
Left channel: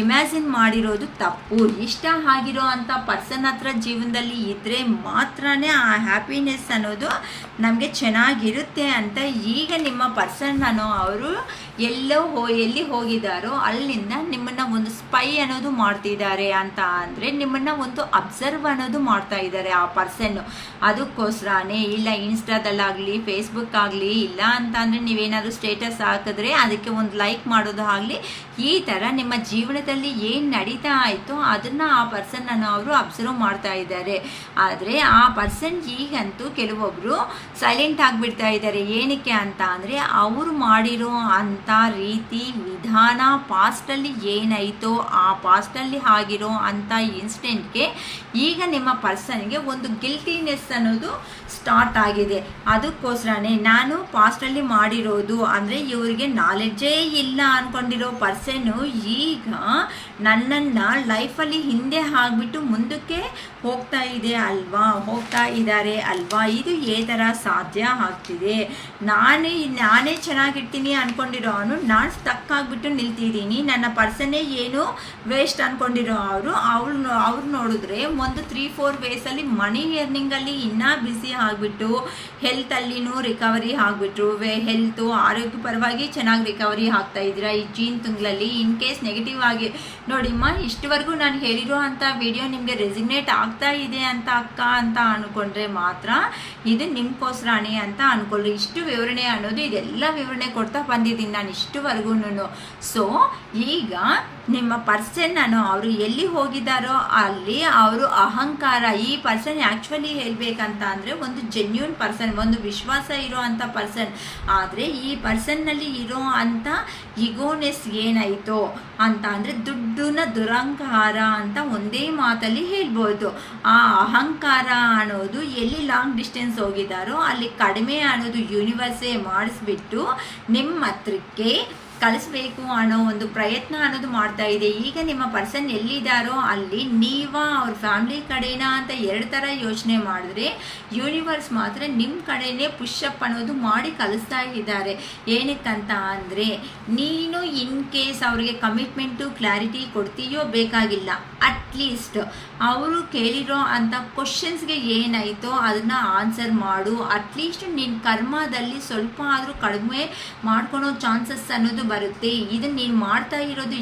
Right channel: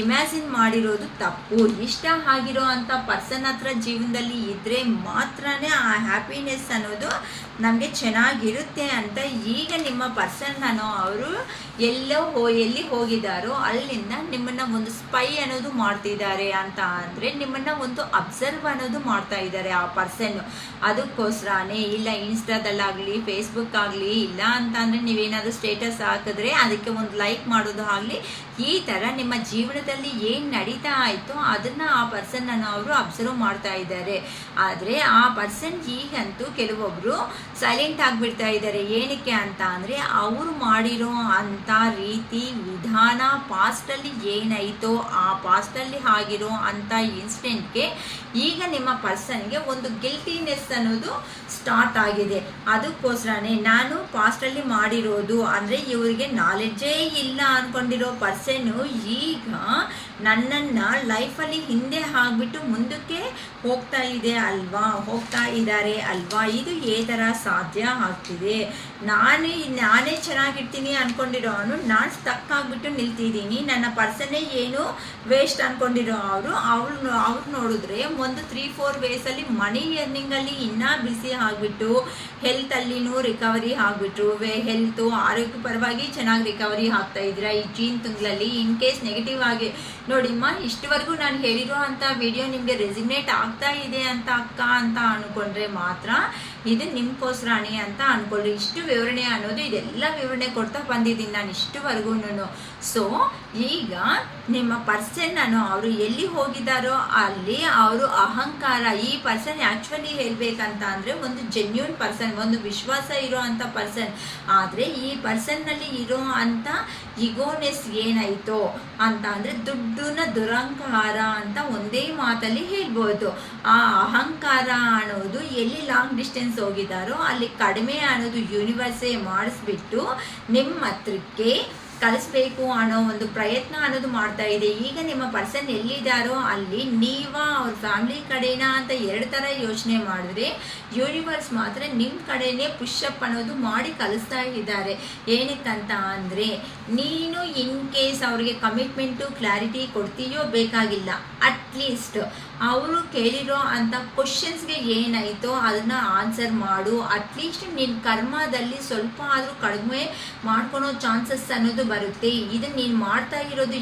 ಇಮ್ಯಾಜಿನ್ ಮಾಡಿರೋದು ತಪ್ಪು. ಇಷ್ಟ ಆಗಿರೋ ಅಂಥ ಪರ್ಸನ್ ಹತ್ರ ಜೀವನದಲ್ಲಿ ಇದ್ದರೆ ಮಾತ್ರನೇ ಆ ಹ್ಯಾಪಿನೆಸ್ ಅನ್ನೋದು ನಮಗೆ ಚೆನ್ನಾಗಿರುತ್ತೆ ಅಂತ ಈಗ ನಿಮ್ಮ ಪರ್ಸನ್ ಅನ್ನೋ ಅವರು ಎಲ್ಲಿ ಹೋಗಿದ್ದಾರೋ ಅಲ್ಲಿಂದ ನಿಮ್ಮನ್ನ ಒಂದು ಸ್ಪೈ ಅನ್ನೋದು ಮಾಡ್ತಿದ್ದಾರೆ ಅಂತ ಅಂದರೆ ನಿಮ್ಮನ್ನ ಒಂದು ಅಬ್ಸರ್ವ್ ಅನ್ನೋದು ಮಾಡ್ತಾ ಇದ್ದಾರೆ ಆ ಪರ್ಸನ್. ಅದಕ್ಕೋಸ್ಕರನೇ ಇಲ್ಲ ಇನ್ಸ್ಟಾದಲ್ಲಾಗಲಿ ಫೇಸ್ಬುಕ್ ಆಗಲಿ ಇಲ್ಲ ಅಂತ ಅಂದರೆ ನೀವೇನಾದರೂ ಸ್ಟೇಟಸ್ ಹಾಕಿದ್ರೆ ಅದಕ್ಕೆ ಒಂದು ಲೈಕ್ ಮಾಡೋದು ಆಗಲಿ, ಈ ಥರ ನಿಮ್ಮ ಜೀವನದಲ್ಲಿ ಏನು ನಡೀತಾ ಆಯಿತು ಅದನ್ನು ಆ ಪರ್ಸನ್ ಅನ್ನೋ ಅವರು ಅಬ್ಸರ್ವ್ ಮಾಡ್ತಾ ಇದ್ದಾರೆ. ಆದರೆ ಆ ಪರ್ಸನ್ ಈಗಂತೂ ಕೆಲವೊಬ್ಬರು ಸೈಲೆಂಟ್ ಆಗಿಬಿಡ್ತಾ ಇದ್ದಾರೆ. ಏನಕ್ಕೆ ಅಂತ ಅಂದರೆ ಅವರು ಮಾಡಿರೋ ಅಂಥ ರೀತಿ ವಿಧಾನ ಪಾಸ್ಟಲ್ಲಿ ಏನಾಯಿತೋ ಆ ಪಾಸ್ಟಲ್ಲಿ ಆಗಿರೋ ಅಂಥ ಇನ್ಸಿಡೆಂಟ್ಗೆ ಈಗ ನಿಮ್ಮ ಪರ್ಸನ್ಗೆ ಒಂದು ಗಿಲ್ಟಿನೆಸ್ ಅನ್ನೋದು ಸ್ಟಾರ್ಟ್ ಆಗಿದೆ. ಅದಕ್ಕೋಸ್ಕರನೇ ನಾನು ಪಾಸ್ಟಲ್ಲಿ ಮಾಡಿರೋದು ಅಂದರೆ ಇವರಿಗೆ ನಾಲೆಡ್ಜೇ ಇಲ್ಲ ಅಂದ್ಕೊಂಡಿರೋ ಪರ್ಸನ್ನು ಈಗ ನನ್ನನ್ನು ಲೈಫಲ್ಲಿ ಹಿಂದೆ ಆಗಿಬಿಟ್ಟು ಮುಂದಕ್ಕೆ ಹೋಗ್ತಾ ಇದ್ದಾರೆ ಅಲ್ವಾ, ಇದು ಏ ಥರ ಸಾಧ್ಯ ಆಗ್ತಿದೆ. ನಾನೇ ಚೆನ್ನಾಗಿರ್ತೀನಿ ಅಂದ್ಕೊಂಡಿರೋ ನಾನು ಸ್ಟಕ್ ಆಗಿಬಿಟ್ಟು ನಿಲ್ತಿದ್ದೀನಿ. ನನ್ನ ಪರ್ಸನ್ನೇ ಏನು ವೇಸ್ಟ್ ಅಂದ್ಕೊಂಡಿರೋ ಅವ್ರು ನೋಡಿದ್ರೆ ಒಂದು 3-4 ವೇಸಲ್ಲಿ ಮನಿ ಎರ್ನಿಂಗಲ್ಲಿ ಇನ್ನೂ ಬಿಸಿ ಆಗಿಬಿಟ್ಟು ಹೆಲ್ತಲ್ಲಿನೂ ರಿಕವರಿ ಆಗಿಬಿಟ್ರು. ಹೆಲ್ತು ಆರೋಗ್ಯಪರವಾಗಿ ಚೆನ್ನಾಗಿ ರಿಕವರಿ ಆಗ್ತಾ ಇದ್ದೀರಾ ಈ ಜೂನ್ ತಿಂಗಳಲ್ಲಿ. ಇನ್ ಕೇಸ್ ನೆಗೆಟಿವ್ ಆಗಿ ನೋಡಿಮ್ಮ, ಇಷ್ಟವರೆಗೂ ನಾನು ಹೇಳಿರೋ ಅಂಥ ವಿಡಿಯೋ ನಿಮಗೆ ರೆಸಿಗ್ನೇಟ್ ಆಗ್ತಾ ಇದೆ ಅಂತ ಅಕ್ಕ ಅಂತ ಅಂದ್ಕೊಂಡ್ರೆ ಮಾತ್ರ ಇದು ನಿಮ್ಗೋಸ್ಕರನೇ ಅಂತ ಅಂದ್ಕೊಳ್ರಿ. ಇಷ್ಟು ವಿವರಣೆ ಅನ್ನೋದು ಇದೆಲ್ಲ ವಿವರಣೆ ಕೊಡ್ತಾ ಬಂದಿದ್ದೀನಿ ನಾನು ಇಷ್ಟುವರೆಗೂ. ಸೊ ಈಗ ನಿಮ್ಮ ಪರ್ಸನ್ ಅನ್ನೋ ಅವರು ಎಲ್ಲಿ ಹೋಗಿದ್ದಾರೋ ಅಲ್ಲಿ ಅವರು ಅಹಂಕಾರ, ಈ ಪರ್ಸನ್ ಆ್ಯಕ್ಚುಲಿ ಹೇಳ್ಬೇಕಂತ ಅಂದರೆ ಒಂದು ಜೆನ್ಯೂನ್ ಪರ್ಸನ್, ಒಂದು ವಿಶ್ವಾಸ ಇರೋ ಅಂಥ ಪರ್ಸನ್. ಆದರೆ ಈ ಪರ್ಸನ್ನಲ್ಲಿ ಇರೋ ಅಂಥ ಇಗೋನೆಸ್ ಏನಾಯಿತೋ ಅಂತ ಅಂದರೆ ದುಡ್ಡಿನ ದುರಹಂಕಾರ ಅಂತ ಒಂದೇ ಮಾತಲ್ಲಿ ಹೇಳ್ಬೋದು. ಆ ಅಹಂಕಾರ ಅನ್ನೋದು ಎಲ್ಲಿ ಲಾಂಗ್ ಡಿಸ್ಟೆನ್ಸ್ ಹೋಗಿದ್ದಾರೋ ಅಲ್ಲಿ ಕಡಿಮೆ ಅನ್ನೋದು ಯೂನಿವರ್ಸೇ ಮಾಡಿಸ್ಬಿಟ್ಟು ನಿಮ್ಮ ಹತ್ರಕ್ಕೆ ಕಳಿಸ್ಬೇಕು ಅನ್ನೋ ಒಂದು ಪ್ರಯತ್ನ ಅನ್ನೋದು ಮಾಡ್ತಾ ಇದೆ. ಈಗ ನಿಮ್ಮ ಪರ್ಸನ್ ಎಲ್ಲಿದ್ದಾರೋ ಅಲ್ಲಿ ಅವ್ರ ಫ್ಯಾಮಿಲಿ ಕಡೆನಾ ಅಂತ 2 ಥರ ಯೋಚನೆ ಮಾಡಿದ್ರೆ ಯೂನಿವರ್ಸ್ ಮಾತ್ರ ನಿಮ್ಮ ಕಡೆನೇ ಪುಷಪ್ ಅನ್ನೋದು ಮಾಡಿ ಕಳಿಸ್ತಾ ಇದ್ದಾರೆ. ಏನಕ್ಕಂತ ಅಂದರೆ ನೀನು ಇನ್ ಕೇಸ್ ಅವ್ರಿಗೆ ಕಮಿಟ್ಮೆಂಟು ಕ್ಲಾರಿಟಿ ಕೊಡ್ತೀಯೋ ಬೇಕಾಗಿಲ್ಲ, ಅಟ್ಲೀಸ್ಟ್ ಅವರು ಕೇಳಿರೋ ಅಂಥ ಕ್ವಶನ್ಸ್ಗೆ ಏನಾಯಿತೋ ಅದನ್ನು ಆನ್ಸರ್ ಮಾಡು. ಅಟ್ಲೀಸ್ಟ್ ನಿನ್ನ ಕರ್ಮದಲ್ಲಿ ಸ್ವಲ್ಪ ಆದರೂ ಕಡಿಮೆ ಮಾಡ್ಕೊಳೋ ಚಾನ್ಸಸ್ ಅನ್ನೋದು ಬರುತ್ತೆ. ಇದು ನೀನು ಮಾಡ್ತಾ ಇರೋದು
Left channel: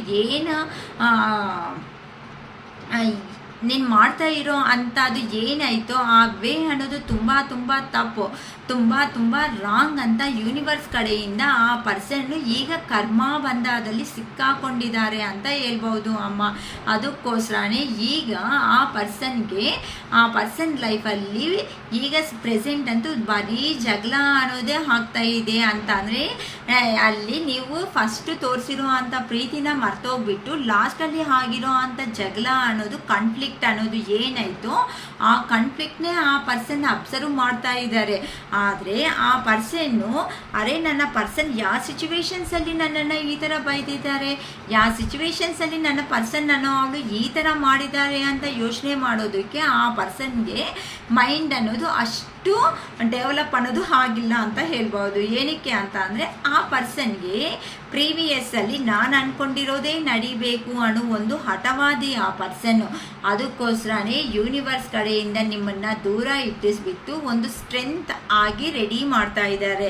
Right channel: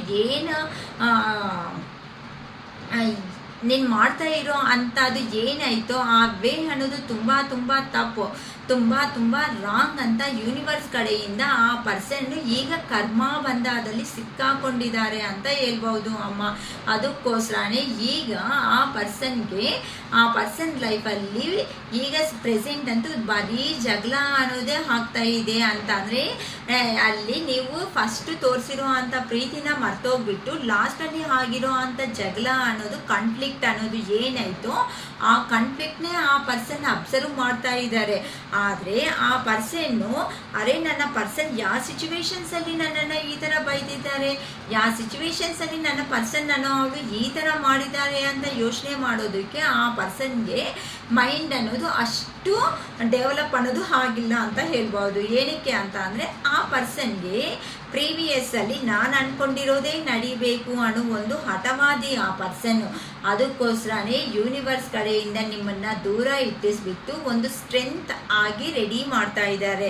ನೀನು ಮಾಡ್ತಾ ಇರೋ ಅಂಥದ್ದು ಏನಾಯಿತೋ ಆ ವೇ ಅನ್ನೋದು ತುಂಬ ತಪ್ಪು, ತುಂಬ ರಾಂಗ್ ಅಂತ ಯೂನಿವರ್ಸ್ ಕಡೆಯಿಂದ ಆ ಪರ್ಸನ್ ಈಗ ಕರ್ಮ ಬಂಧದಲ್ಲಿ ಸಿಕ್ಕಾಕೊಂಡಿದ್ದಾರೆ ಅಂತ ಹೇಳ್ಬೋದು ಅಮ್ಮ. ಅದಕ್ಕೋಸ್ಕರನೇ ಈಗ ಆ ಪರ್ಸನ್ ಲೈಫಲ್ಲಿ ಈಗ ಪ್ರೆಸೆಂಟ್ ಅಂತೂ ಬರೀ ಜಗಳ ಅನ್ನೋದೇ ಆಗ್ತಾ ಇದೆ ಅಂತ ಅಂದರೆ ಅಲ್ಲಿ ನೀವು ಫಸ್ಟ್ ತೋರಿಸಿರೋ ಅಂಥ ಪ್ರೀತಿನ ಮರ್ತೋಗ್ಬಿಟ್ಟು ಲಾಸ್ಟಲ್ಲಿ ಆಗಿರೋ ಅಂಥ ಜಗಳ ಅನ್ನೋದು ಕಾನ್ಫ್ಲಿಕ್ಟ್ ಅನ್ನೋದು ಏನಾಯಿತು ಆ ಕಾನ್ಫ್ಲಿಕ್ಟ್ನೇ ಆ ಪರ್ಸನ್ ಅಬ್ಸರ್ವ್ ಮಾಡ್ತಾ ಇದ್ದಾರೆ. ಆದರೆ ಆ ಪರ್ಸನ್ನು ನನ್ನ ಪರ್ಸನ್ ಯಾವ ಸಿಚುವೇಶನ್ಸಲ್ಲಿ ನನ್ನನ್ನು ಈ ಥರ ಬೈದಿದ್ದಾರೆ, ಯಾವ ಸಿಚುವೇಶನ್ಸಲ್ಲಿ ನನ್ನ ಪರ್ಸನ್ ಅವಳು ಈ ಥರ ಮಾಡಿದ್ದಾರೆ ಅಂತ ಯೋಚನೆ ಮಾಡೋದಕ್ಕೆ ಆ ಪರ್ಸನ್ಗೆ ಮೈಂಡ್ ಅನ್ನೋದು ಅಷ್ಟು ಅಷ್ಟು ಡೆವಲಪ್ ಅನ್ನೋದು ಆಗಿಲ್ಲ ಅಂತ ಹೇಳ್ಬೋದು. ಏನಕ್ಕೆ ಅಂತ ಅಂದರೆ ಆ ಪರ್ಸನ್ಗೆ ಪ್ರೀವಿಯಸ್ ಅಲ್ಲಿ ನಾನು ಅನ್ಕೊಂಡಿರೋದೇ ನಡಿಬೇಕು ಅನ್ನೋ ಒಂದು ಹಠವಾದಿ ಆ ಪರ್ಸನ್ನು. ಅದಕ್ಕೋಸ್ಕರನೇ ಯೂನಿವರ್ಸ್ ಕಡೆಯಿಂದ ನಿಮ್ಮನ್ನ ದೂರ ಇಟ್ಟಿಸ್ಬಿಟ್ಟು ಒಂದು ಸ್ಟ್ರೆಂತ್ ಆಗಿ ರೆಡಿ ಮಾಡ್ತಾ ಇದ್ದಾರೆ.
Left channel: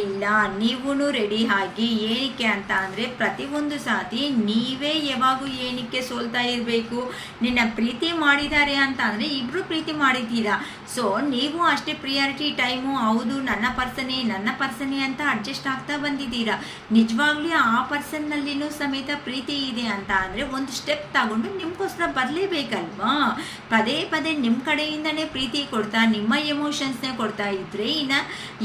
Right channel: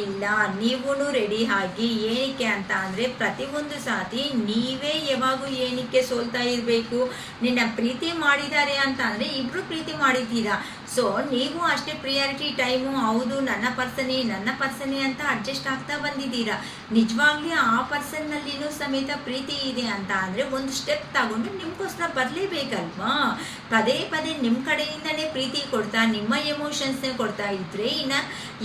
ಇಲ್ಲ, ನೀವೂ ರೆಡಿ ಆಗಿ. ಏನಕ್ಕೆ ಅಂತ ಅಂದರೆ ಪ್ರತಿಯೊಂದು ಸಾತಿ ನೀವೇ ಯಾವಾಗೂ ಏನಕ್ಕೆ ಸೋಲ್ತಾ ಇರಬೇಕು. ನಿನ್ನ ಪ್ರೀತಿ ಮಾಡಿದ್ದಾರೆ ಅಂತ ಅಂದರೆ ಇಬ್ರು ಪ್ರೀತಿ ಮಾಡಿದ್ದೀರಾ, ಸೊ ನೀವು ಅಷ್ಟೇ ಪ್ರಿಯಾರಿಟಿ ಟೈಮು ಹೌದು ನನ್ನ ಪರ್ಸನೇ ಅಂತ ಅಡ್ಜಸ್ಟ್ ಆಗ್ತಾ ಬಂದಿದ್ದೀರಾ. ನಿಜವಾಗ್ಲೂ ಆ ಪರ್ಸನ್ನಲ್ಲಿನೂ ಸಮೇತ ಪ್ರೀತಿ ಇದೆ ಅಂತ ಅಂದರೆ ಒಂದು ಸ್ಟೆಪ್ ತಗೊಂಡು ನಿಮ್ಗೋಸ್ಕರ ಬರಲೇಬೇಕಲ್ವಾ. ಪದೇ ಪದೇ ನಿಮ್ಮ ಕಡೆಯಿಂದನೇ ಪ್ರೀತಿ ಕೊಡ್ತಾ ನಿಮ್ಮ ಎಮೋಷನ್ಸ್ನೇ ಕೊಡ್ತಾ ಇದ್ರೆ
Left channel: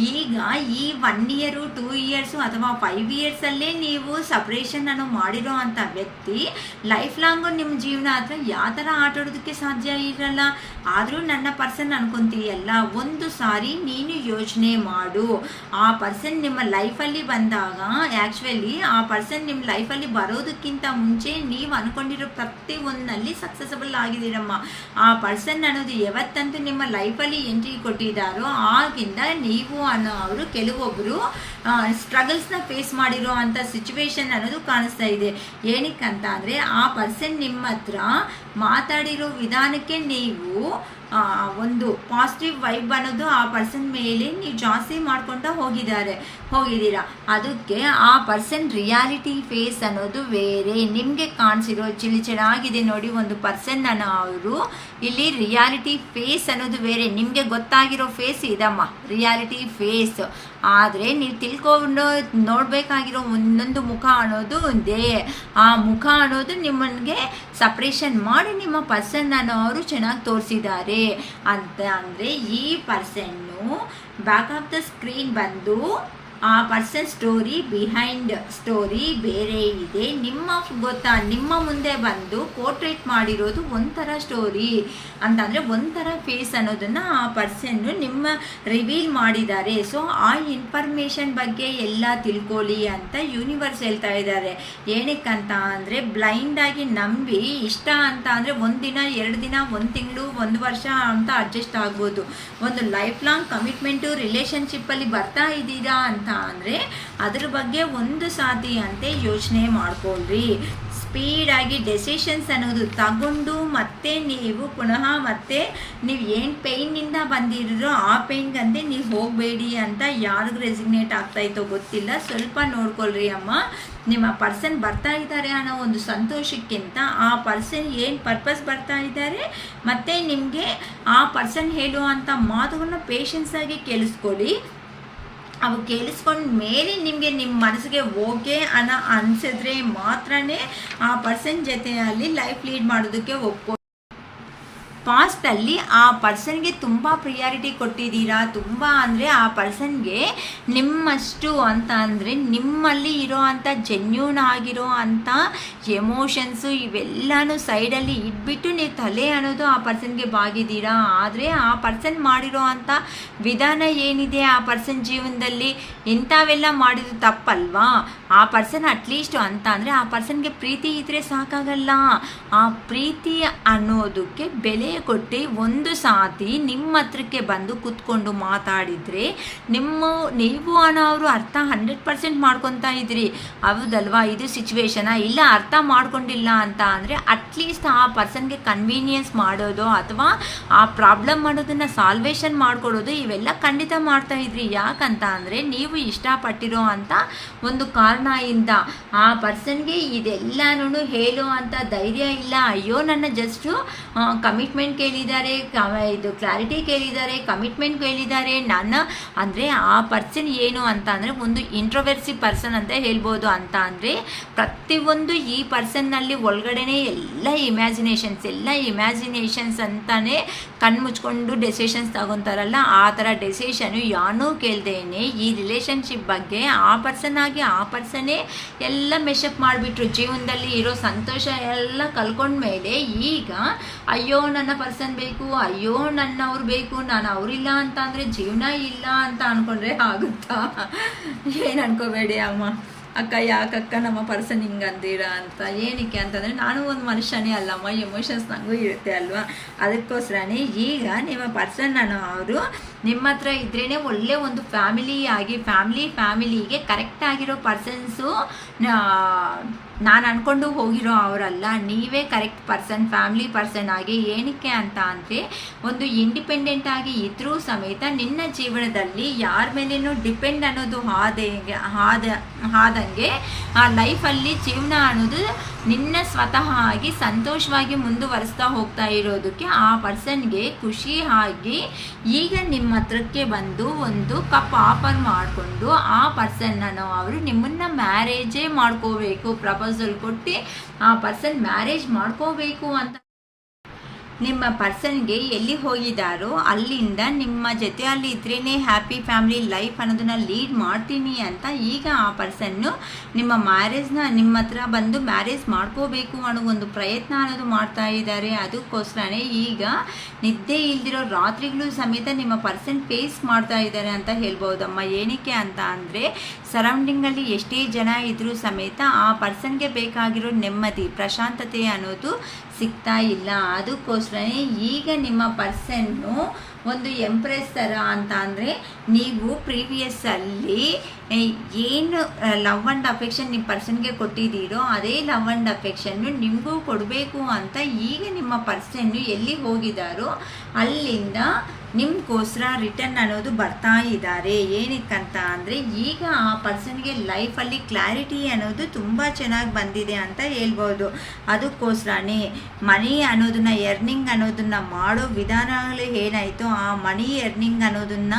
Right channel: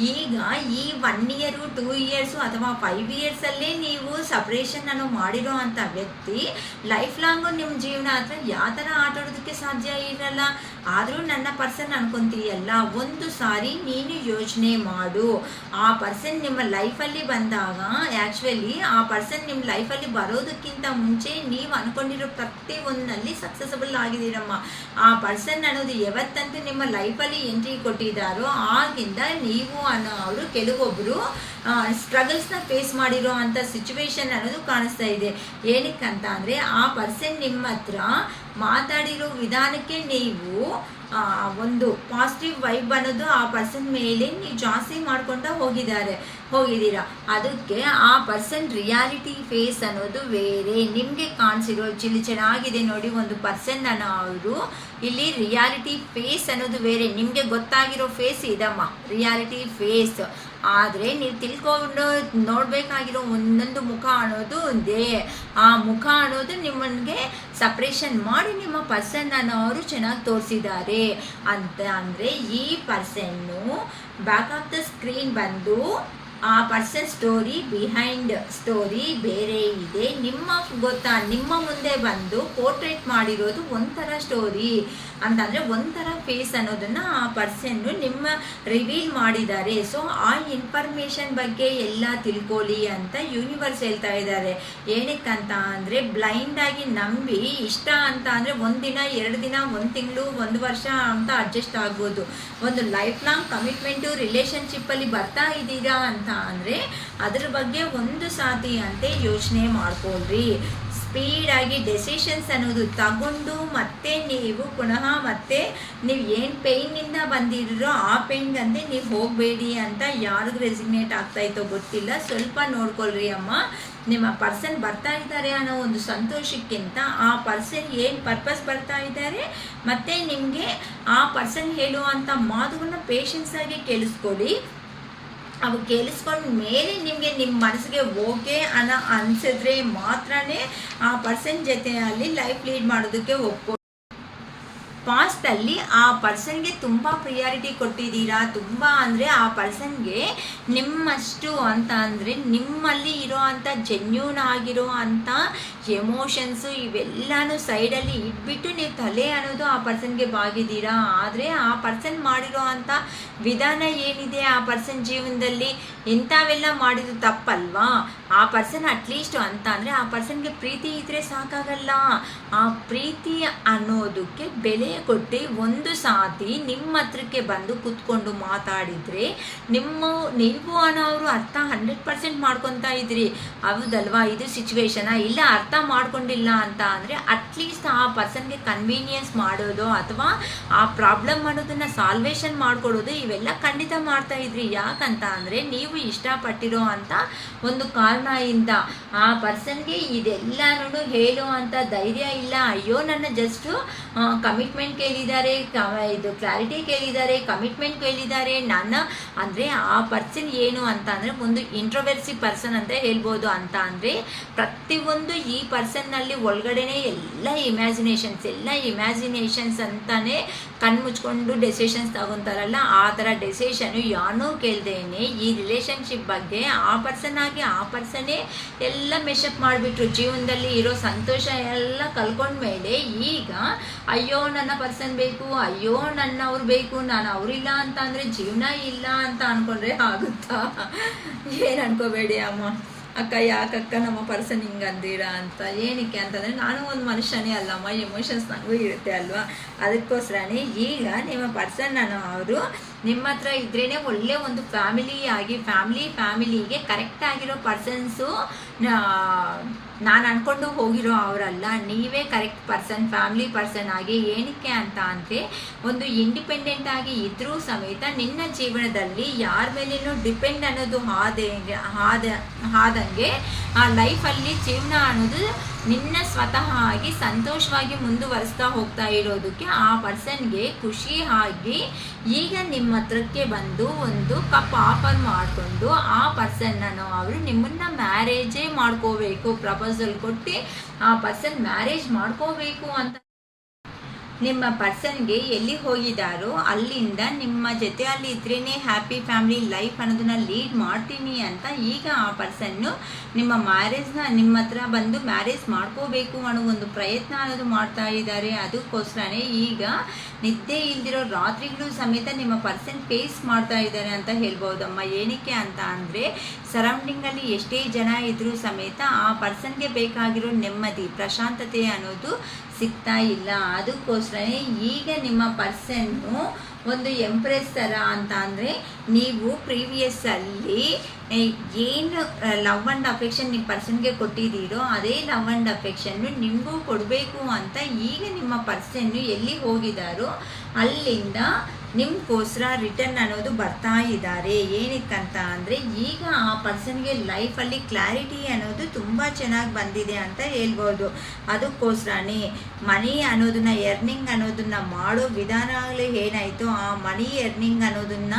ಈಗ ಈ 1 year 2 years ಅಥವಾ 5 years ಅಲ್ಲೇ ನೀವು ಸಪ್ರೇಷನ್ ಅನ್ನು ಮಾಡಿರೋ ಅಂತ ವ್ಯಕ್ತಿ ಲೈಫ್ ಲಾಂಗು ನಿಮ್ಮ ಜೀವನ ಹತ್ರ ಯಾವ ಥರ ಆಟಾಡೋದಕ್ಕೆ ಸಾಧ್ಯ ಇರಲ್ಲ. ಆದರೂ ನನ್ನ ಪರ್ಸನ್ ಅನ್ಕೊಂತೀಯಲ್ಲ, ಒಂದು ಸಾರಿ ನೀನು ಯೋಚನೆ ಮಾಡು. ಆ ಪರ್ಸನ್ ನಿಮ್ಮ ಲೈಫಲ್ಲಿ ಬಂದಾಗ ಆ್ಯಕ್ಚುಲಿ ಆ ಪರ್ಸನ್ ನಿಮ್ಮ ಲೈಫಲ್ಲಿ ಬರೋದಕ್ಕಿಂತ ಮುಂಚೆ ನೀವು ಅನ್ಕೊಂಡಿರೋ ಪ್ರತಿಯೊಂದಲ್ಲಿ ಸಕ್ಸಸ್ಫುಲ್ ಆಗಿದ್ದೀರಮ್ಮ. ಆ ಪರ್ಸನ್ ಅನ್ನೋದು ಯಾವತ್ತಂತೂ ನಿಮ್ಮ ಲೈಫಲ್ಲಿ ಎಂಟ್ರಿ ಕೊಟ್ಟಿದ್ದಾರೋ ಆಗಿಂದ ನೀವು ಅವರು ಕೆಲವೊಬ್ಬರು ಸ್ಟ್ರಗಲ್ಸ್ನ ಫೇಸ್ ಮಾಡಿರೋ ಅಂಥ ಸಿಚುವೇಶನ್ ಅನ್ನೋದು ಕಾಣಿಸ್ತಾ ಇದೆ. ಏನಕ್ಕಂತ ಅಂದರೆ ಆ ಪರ್ಸನ್ ನಿಮ್ಮ ಹತ್ರ ಮಾತಾಡಿರೋ ವಿಧಾನಕ್ಕೆ ನೀವು ಒಂದು ಪಾಸಿಟಿವ್ ವೈಬ್ ಅನ್ನೋದು ಆ ಪರ್ಸನ್ ಮೇಲೆ ನೀವು ಜಾಸ್ತಿ ಮಾಡ್ಕೊತಾ ಹೋಗಿದ್ದೀರಾ. ಅದಕ್ಕೆ ಆ ಪರ್ಸನ್ ರಿಯಾಲಿಟಿ ಫೇಸ್ ಅನ್ನೋದು ಬೇರೆ. ನಿಮಗೆ ಕಾಣಿಸಿರೋ ಚೆನ್ನಾಗಿದೆ ನೋಡಿ, ಒಂದು ಪರ್ಸನ್ ಅವರು ಇಲ್ಲಿ ರಿಯಾಲಿಟಿ ಫೇಸ್ ಅನ್ನೋದು ಬೇರೆ. ನಿಮಗೆ ಗೊತ್ತಾಗಿರೋ ಫೇಸ್ ಇದಮ್ಮ ರಿಯಾಲಿಟಿ ಫೇಸ್. ಆದರೆ ನೀವು ತಿಳ್ಕೊಂಡು ನೋಡಬೇಕಾಗಿರೋ ಒಂದೊಂದು ಮುಖ ಅನ್ನೋದು ಒಂದೇ. ಆ ಮುಖ ಅನ್ನೋದು ನಿಮ್ಮನಿಗೆ ಸಪ್ರೇಷನ್ ಮಾಡಿ ನಿಮ್ಮ ಪರ್ಸನ್ ಅನ್ನೋರು ಚೆನ್ನಾಗಿ ತೋರಿಸಿದ್ದಾರೆ ಅಂತ ಅಂದರೆ ಈ ಪರ್ಸನ್ನು ಬ್ಯಾಕ್ ಆಫ್ ದ ಸ್ಕ್ರೀನ್ ಬಂದು ಆ ಪರ್ಸನ್ ಸ್ಟೋರಿ ಬಿಹೈಂಡ್ ಸ್ಟೋರಿ ಬೇರೆ ಇದೆ. ನಿಮ್ಮ ಮುಂದೆ ಬಂದು ಪೋರ್ಟ್ರೇಟ್ ಮಾಡಿರೋದು ಒಂಥರ ಸ್ಟೋರಿ ಅಂತಂದರೆ ಒಂಥರ ಫೇಸ್ ಅನ್ನೋದನ್ನು ಆ ಪರ್ಸನ್ನು ನಿಮ್ಮ ರಿವೀಲ್ ಮಾಡಿದ್ದಾರೆ. ಸೊ ಆ ಇನ್ಫಾರ್ಮೇಷನ್ ಬಗ್ಗೆ ಎಲ್ಲ ತಿಳ್ಕೊಳ್ಳಿ ಅಂತ ಯೂನಿವರ್ಸ್ ಹೇಳ್ತಾ ಇದ್ದಾರೆ. ಏನಕ್ಕಂತ ಅಂದರೆ ಬ್ಲೈಂಡಾಗಿ ನಂಬಿ ಇಷ್ಟ ಅಂತ ಅಂದರೆ 1 ದಿನ 2 ದಿನ 1 ತಿಂಗಳು 1 ವರ್ಷ ಅಂತ ಅಡ್ಜಸ್ಟ್ ಆಗ್ಬೋದು. ಒಂದು ಲೈಫ್ ಲಾಂಗ್ ಕಮಿಟ್ಮೆಂಟು ರಿಲೇಷನ್ಶಿಪ್ಪಲ್ಲಿ ಬರ್ತಾ ಇದ್ದೀರಾ ಅಂತ ಅಂದರೆ ಅದ್ರ ಬಗ್ಗೆ ಒಂದು ಸಾತಿ ಅಂತೆ ಯೋಚನೆ ಮಾಡ್ಕೊಳ್ರಿ. ಸ್ಪೀಡಾಗಿ ಡೆಸಿಷನ್ಸ್ ಅನ್ನೋದು ತಗೊಂಡು ಮತ್ತೆ ನೀವು ಪುನಃ ಮತ್ತೆ ನೀವು ಏನು ಪೇಯ್ನಿಂದ ಬಂದಿರೋ ಆ ಪೇಯ್ನ್ಗಂತೆ ನೀವು ಹೋಗಬೇಡಿ ಅಂತ ಯಾರಿಗೂ ರೆಸಿಗ್ನೇಟ್ ಆಗ್ತಾ ಇತ್ತೋ ಗೊತ್ತಿಲ್ಲ. ಸ್ವಲ್ಪ ನೋಡ್ಕೊಳ್ರಿ ಅಮ್ಮ. ನಿಮ್ಮ ಪರ್ಸನ್ ಬರ್ತಾ ಇದ್ದಾರೆ ಅನ್ನೋ ಒಂದು ಸಂತೋಷಕ್ಕಿಂತ ಆ ಪರ್ಸನ್ ಏನು ಪರ್ಪಸ್ ಬರ್ತಾ ಇದ್ದಾರೆ ಮತ್ತು ನಿಮಗೆ ಆ ಪರ್ಸನ್ ಹೇಳುವಂಥ ಮಾತುಗಳನ್ನ ಪೇಷನ್ಸ್ ಆಗಿ ಕೇಳಿಸ್ಕೊಳ್ಳಿ. ಅವು ಕೇಳಿಸ್ಕೊಂಡ ಮೇಲೆ ನಿಮಗೆ ನಿಮ್ಮ ಮನಸ್ಸಿಗೆ ಓಕೆ ಅನಿಸಿದ್ರೆ ಮಾತ್ರನೇ ಆ ಪರ್ಸನ್ ಜೊತೆಯಲ್ಲಿ ಲೈಫ್ ಲೀಡ್ ಮಾಡೋದಕ್ಕೆ ಒಪ್ಪೋ. ಪಾಸ್ಟಲ್ಲಿ ಆ ಪರ್ಸನ್ಗೆ ತುಂಬ ಪ್ರಿಯಾರಿಟಿ ಕೊಟ್ಟಿದ್ದೀರಾ. ತುಂಬ ಅಂದರೆ ಆ ಪರ್ಸನ್ಗೆ ನಿಮ್ಮಷ್ಟು ಅಂತ ಅಂದರೆ ನಿಮ್ಮಲ್ಲಿ ಇರೋ ಅಂಥ ಜೆನ್ಯೂನ್ ಆಗಿರೋ ಅಂಥ ಎಮೋಷನ್ಸು ಇವೆಲ್ಲನೂ ಸೈಡಲ್ಲಿ ಇಟ್ಬಿಟ್ಟು ನೀವು ತಲೆ ಅನ್ನೋದು ಆ ಪರ್ಸನ್ಗೆ ಬಾಗಿದ್ದೀರಾ. ಆದರೆ ಆ ಪರ್ಸನ್ ಮಾಡಿರೋ ಅಂಥ ವಿಧಾನ ಏನಿದೆ ಆ ಪರ್ಸನ್ ಜೀವನದಲ್ಲಿ ಇಂಥವೆಲ್ಲ ಮಾಡಿದ್ರು ತಪ್ಪಲ್ವಾ. ಆ ಪರ್ಸನ್ ಅಟ್ಲೀಸ್ಟ್ ಅಂತ ಅಂದರೆ ಆ ಪರ್ಸನ್ಗೆ ಪ್ರೀತಿ ಇದ್ದರೆ ಸಾಕಾಗಲ್ಲ. ಆ ಪ್ರೀತಿ ಅನ್ನೋದಕ್ಕೆ ಬೆಲೆ ಕೊಟ್ಟು ಒಂದು ಸಾತಿ ನಿಮ್ಮ ಹತ್ರಕ್ಕೆ ಬಂದು ಕೂತ್ಕೊಂಡು ಮಾತಾಡಿದರೆ ನೀವು ಅನ್ನೋರು ಅರ್ಥ 100% ಮಾಡ್ಕೊತಾ ಇದ್ರಿ. ಹೌದಲ್ವಾ, ಇದು ಸಿಚುವೇಶನ ಇಲ್ಲ ಅರ್ಥ ಮಾಡ್ಕೊಂಡಿಲ್ಲ ಅಂತ ಅಂದರೆ ಅಟ್ಲೀಸ್ಟ್ ಆ ಪರ್ಸನ್ಗೆ ಕನ್ವೀನಿಯನ್ಸ್ ಮಾಡೋದು ಅಥವಾ ಆ ಪ್ರಾಬ್ಲಮ್ ಅನ್ನೋದನ್ನು ಸಾಲ್ವೇಷನ್ ಮಾಡ್ಕೊಡೋದು ಇವೆಲ್ಲ ಖಂಡಿತ ಮಾಡ್ತಾ ಇದ್ರಿ. ಯಾಕಂತ ಅಂದರೆ ನೀವು ಇಷ್ಟಪಟ್ಟಿರೋ ಅಂತ ಒಂದು ಕಾರಣದಿಂದ ಆ ಪರ್ಸನ್ಗೆ ಇದೆಲ್ಲನೂ ಹೇಳೋ ಅಂತ ಧೈರ್ಯ ಇಲ್ಲ. ಅಯ್ಯೋ ನನ್ನ ಜಸ್ಟ್ ಕಮಿಟ್ಮೆಂಟ್ ಕೇಳಿದ್ದಾರೆ, ಇದು ಕ್ಲಾರಿಟಿ ಕೇಳಿದ್ದಾರೆ, ಕಮಿಟ್ಮೆಂಟ್ ಕೇಳಿದ್ದಾರೆ. ನಾನು ಅಂದರೆ ಆ ಪರ್ಸನ್ ಏನು ಅಂತ ಅಂದರೆ ಒಂದು ಇಂಟ್ರೋವರ್ಸಿ ಪರ್ಸನ್ ಅಂತ ಹೇಳ್ಬೋದು. ಅಂತ ಅಂದರೆ ಪ್ರತಿಯೊಂದು ಈ ಪರ್ಸನ್ನಲ್ಲಿ ಒಳಗಡೆನೆ ಎಲ್ಲ ಇಮ್ಯಾಜಿನೇಷನ್ಸ್ ಅಂತಾನೆ ಕಣ್ಣು ಮುಚ್ಕೊಂಡು ಡೆಸಿಷನ್ಸ್ ತಗೊತಾರಲ್ಲ, ಆ ಥರ ಡೆಸಿಷನು ಯಾನೂ ಕೇಳ್ದೇನೆ ಈ ರಿಲೇಷನ್ಶಿಪ್ ಬಗ್ಗೆ ಆ ಪರ್ಸನ್ ಆಗಿ ಆ ಪರ್ಸನ್ನೇ ಎಲ್ಲ ಮೆಶಪ್ ಮಾಡಿಬಿಟ್ರು. ಜೀವನದಲ್ಲಿ ಇರೋ ಸಂತೋಷ ಎಲ್ಲ ಕಳ್ಕೊಂಡ್ಮೇಲೆ ಈಗ ಅಯ್ಯೋ ನನ್ನ ಪರ್ಸನ್ ಬೇಕು, ಅಯ್ಯೋ ನನ್ನವ್ರು ಬೇಕು, ನಾನು ಅವರಿಲ್ಲ ಅಂತ ಅಂದರೆ ಜೀವನ ಇಲ್ಲ ಅಂತ ಅಂದ್ಕೊಂಡ್ರೆ ಆಗುತ್ತಾ? ಏನು ಅನ್ಕೋಬೇಡಿ ಅಮ್ಮ. ಅಕ್ಕ ಯಾಕಕ್ಕ ನಮ್ಮ ಪರ್ಸನ್ ಹಿಂಗೆ ಅಂದಿರಾ ಅಂತ. ಏನಕ್ಕೆ ಅಂತಂದರೆ ನಾನು ಒಂದು ಮನುಷ್ಯನೇ ಅಲ್ಲಮ್ಮ, ಎಮೋಷನ್ಸ್ ನನಗೂ ಇರುತ್ತೆ ಅಲ್ವಾ. ಅದಕ್ಕೋಸ್ಕರನೇ ಈಗ ನಿಮ್ಮ ಪರ್ಸನ್ ಅವರು ನಿಮ್ಮ ಹತ್ರ ಇದ್ರೇ ಒಳ್ಳೆ ಒಂದು ಫ್ಯಾಮಿಲಿಗೆ ಕರೆಕ್ಟ್ ಆಗಿರೋ ಪರ್ಸನ್ಸು ನಾನು ಅನ್ಕೊಂಡು ಹೋಗಿರೋ ಅವರಲ್ಲ, ನೀವೇ ಕರೆಕ್ಟ್ ಫ್ಯಾಮಿಲಿ ಪರ್ಸನ್ ಆಗಿ. ಏನಕ್ಕೆ ಅಂತ ಅಂದರೆ ಒಂದು ಇಂಡಿಪೆಂಡೆಂಟ್ ಆಗಿ ಇದ್ರೂ ಸಮೇತ ನಿನ್ನ ಜೀವನದಲ್ಲಿ ಯಾರ ಮೇಲೇನೂ ಡಿಪೆಂಡ್ ಅನ್ನೋದು ಆದಂಗೆ ಆ ಲೈಫಲ್ಲಿ ಜೀವನ ಅನ್ನೋದು ನಿನ್ನ ಸ್ವತಃ ಆಗಿ ಸಂತೋಷವಾಗಿ ಮುಂದುವರಿಸ್ತಾ ಹೋಗ್ತಾ ಇರೋದಕ್ಕೆ ಆ ಪರ್ಸನ್ಗೆ ಖುಷಿ ಆಗಿ ಈಗ ನಿಮ್ಮ ಹತ್ರಕ್ಕೆ ಬಂದು ಒಂದು ಕಪ್ ಆಫರ್ ಮಾಡಿಕೊಂಡು ಆ ಪರ್ಸನ್ನನ್ನು ಅವರು ನಿಮ್ಮನ್ನ ಮ್ಯಾರೇಜೇ ಮಾಡ್ಕೋಬೇಕು, ಪ್ರಪೋಸಲ್ ಕೊಟ್ಟು ಆ ಪರ್ಸನ್ ಮ್ಯಾರೇಜ್ ಮಾಡ್ಕೋಬೇಕು ಅಂತ ನಿಮ್ಮ ಪರ್ಸನ್ಗೆ ಎಲ್ಲಿ ಹೋಗಿದ್ದಾರೋ ಅಲ್ಲಿಂದ ನಿಮ್ಮ ಜೊತೆ ಅಲ್ಲಿ ಇದ್ರೇ ಹ್ಯಾಪಿ ಫ್ಯಾಮಿಲಿ ಲೈಫ್ ಅನ್ನೋದನ್ನ ಲೀಡ್ ಮಾಡ್ತೀನಿ ಅಂತ ಈಗ ಆ ಪರ್ಸನ್ನು ನಿಮ್ಮ ನಿಮ್ಮ ಹತ್ರ ಬಂದು ಮ್ಯಾರೇಜ್ ಮಾಡ್ಕೋಬೇಕು ಅನ್ನೋ ಒಂದು ಪ್ರಯತ್ನ ಅನ್ನೋದು ಮಾಡ್ತಾ ಇದ್ದಾರೆ. ಅದಕ್ಕೋಸ್ಕರನೇ ಈಗ ನಿದ್ದೆ ಇಲ್ದಿರೋ ರಾತ್ರಿಗಳು ಸಮೇತ ನಿಮ್ಮ ಪರ್ಸನ್ ಫೇಸ್ ಮಾಡ್ತಾ ಇದ್ದಾರೆ ಅಂತ ಹೇಳ್ಬೋದಮ್ಮ. ಏನಕ್ಕೆ ಅಂತ ಅಂದರೆ ಸರೌಂಡಿಂಗಲ್ಲಿ ಎಷ್ಟೇ ಜನ ಇದ್ರೂ ಸಮೇತ ಆ ಪರ್ಸನ್ಗೆ ಬೇಕಾಗಿರೋ ನೆಮ್ಮದಿ ಪ್ರಶಾಂತತೆ ಅನ್ನೋದು ಸಿಗ್ತಾ ಇಲ್ಲ. ಅದಕ್ಕೋಸ್ಕರನೇ ಈಗ ನಿಮ್ಮ ಪರ್ಸನ್ನು ಒಂದು ಎಂಪ್ರೆಸ್ ಥರ ಅಂತ ಅಂದರೆ ನೀವು ಪ್ರೀವಿಯಸ್ಸಲ್ಲಿ ಏನು ಲವ್ ಆ್ಯಂಡ್ ಅಫೆಕ್ಷನ್ ನಿಮ್ಮ ಪರ್ಸನ್ಗೆ ಕೊಟ್ಟಿದ್ದೀರೋ ಅದೇ ಲವ್ ಆ್ಯಂಡ್ ಅಫೆಕ್ಷನ್ನು ನಿಮಗೂ ಕೊಡಬೇಕು ಅಂತ ಈಗ ನಿಮ್ಮ ಪರ್ಸನ್ನು ಎಲ್ಲಿ ಹೋಗಿದ್ದಾರೋ ಅಲ್ಲಿಂದ ನಿಮಗೋಸ್ಕರ ರಿಟರ್ನ್ ಅನ್ನೋದು ಬರ್ತಾ ಇದ್ದಾರೆ. ಏನಕ್ಕಂತ ಅಂದರೆ ಈಗ ಆ ಪರ್ಸನ್ಗೆ ಲೈಫಲ್ಲಿ ಕ್ಲಾರಿಟಿ ಅನ್ನೋದು ತುಂಬ ಚೆನ್ನಾಗಿ ಬಂದಿದೆ ಅಂತ ಹೇಳ್ಬೋದು. ಅದಕ್ಕೋಸ್ಕರನೇ ಮನಿ ಅನ್ನೋದನ್ನ ಎರ್ನಿಂಗ್ ಅನ್ನೋದನ್ನ ಮಾಡೋ ವಿಧಾನಗಳೇ ಏನಾಯಿತು ಆ ಮನಿ ಎರ್ನಿಂಗ್ ಅನ್ನೋದನ್ನ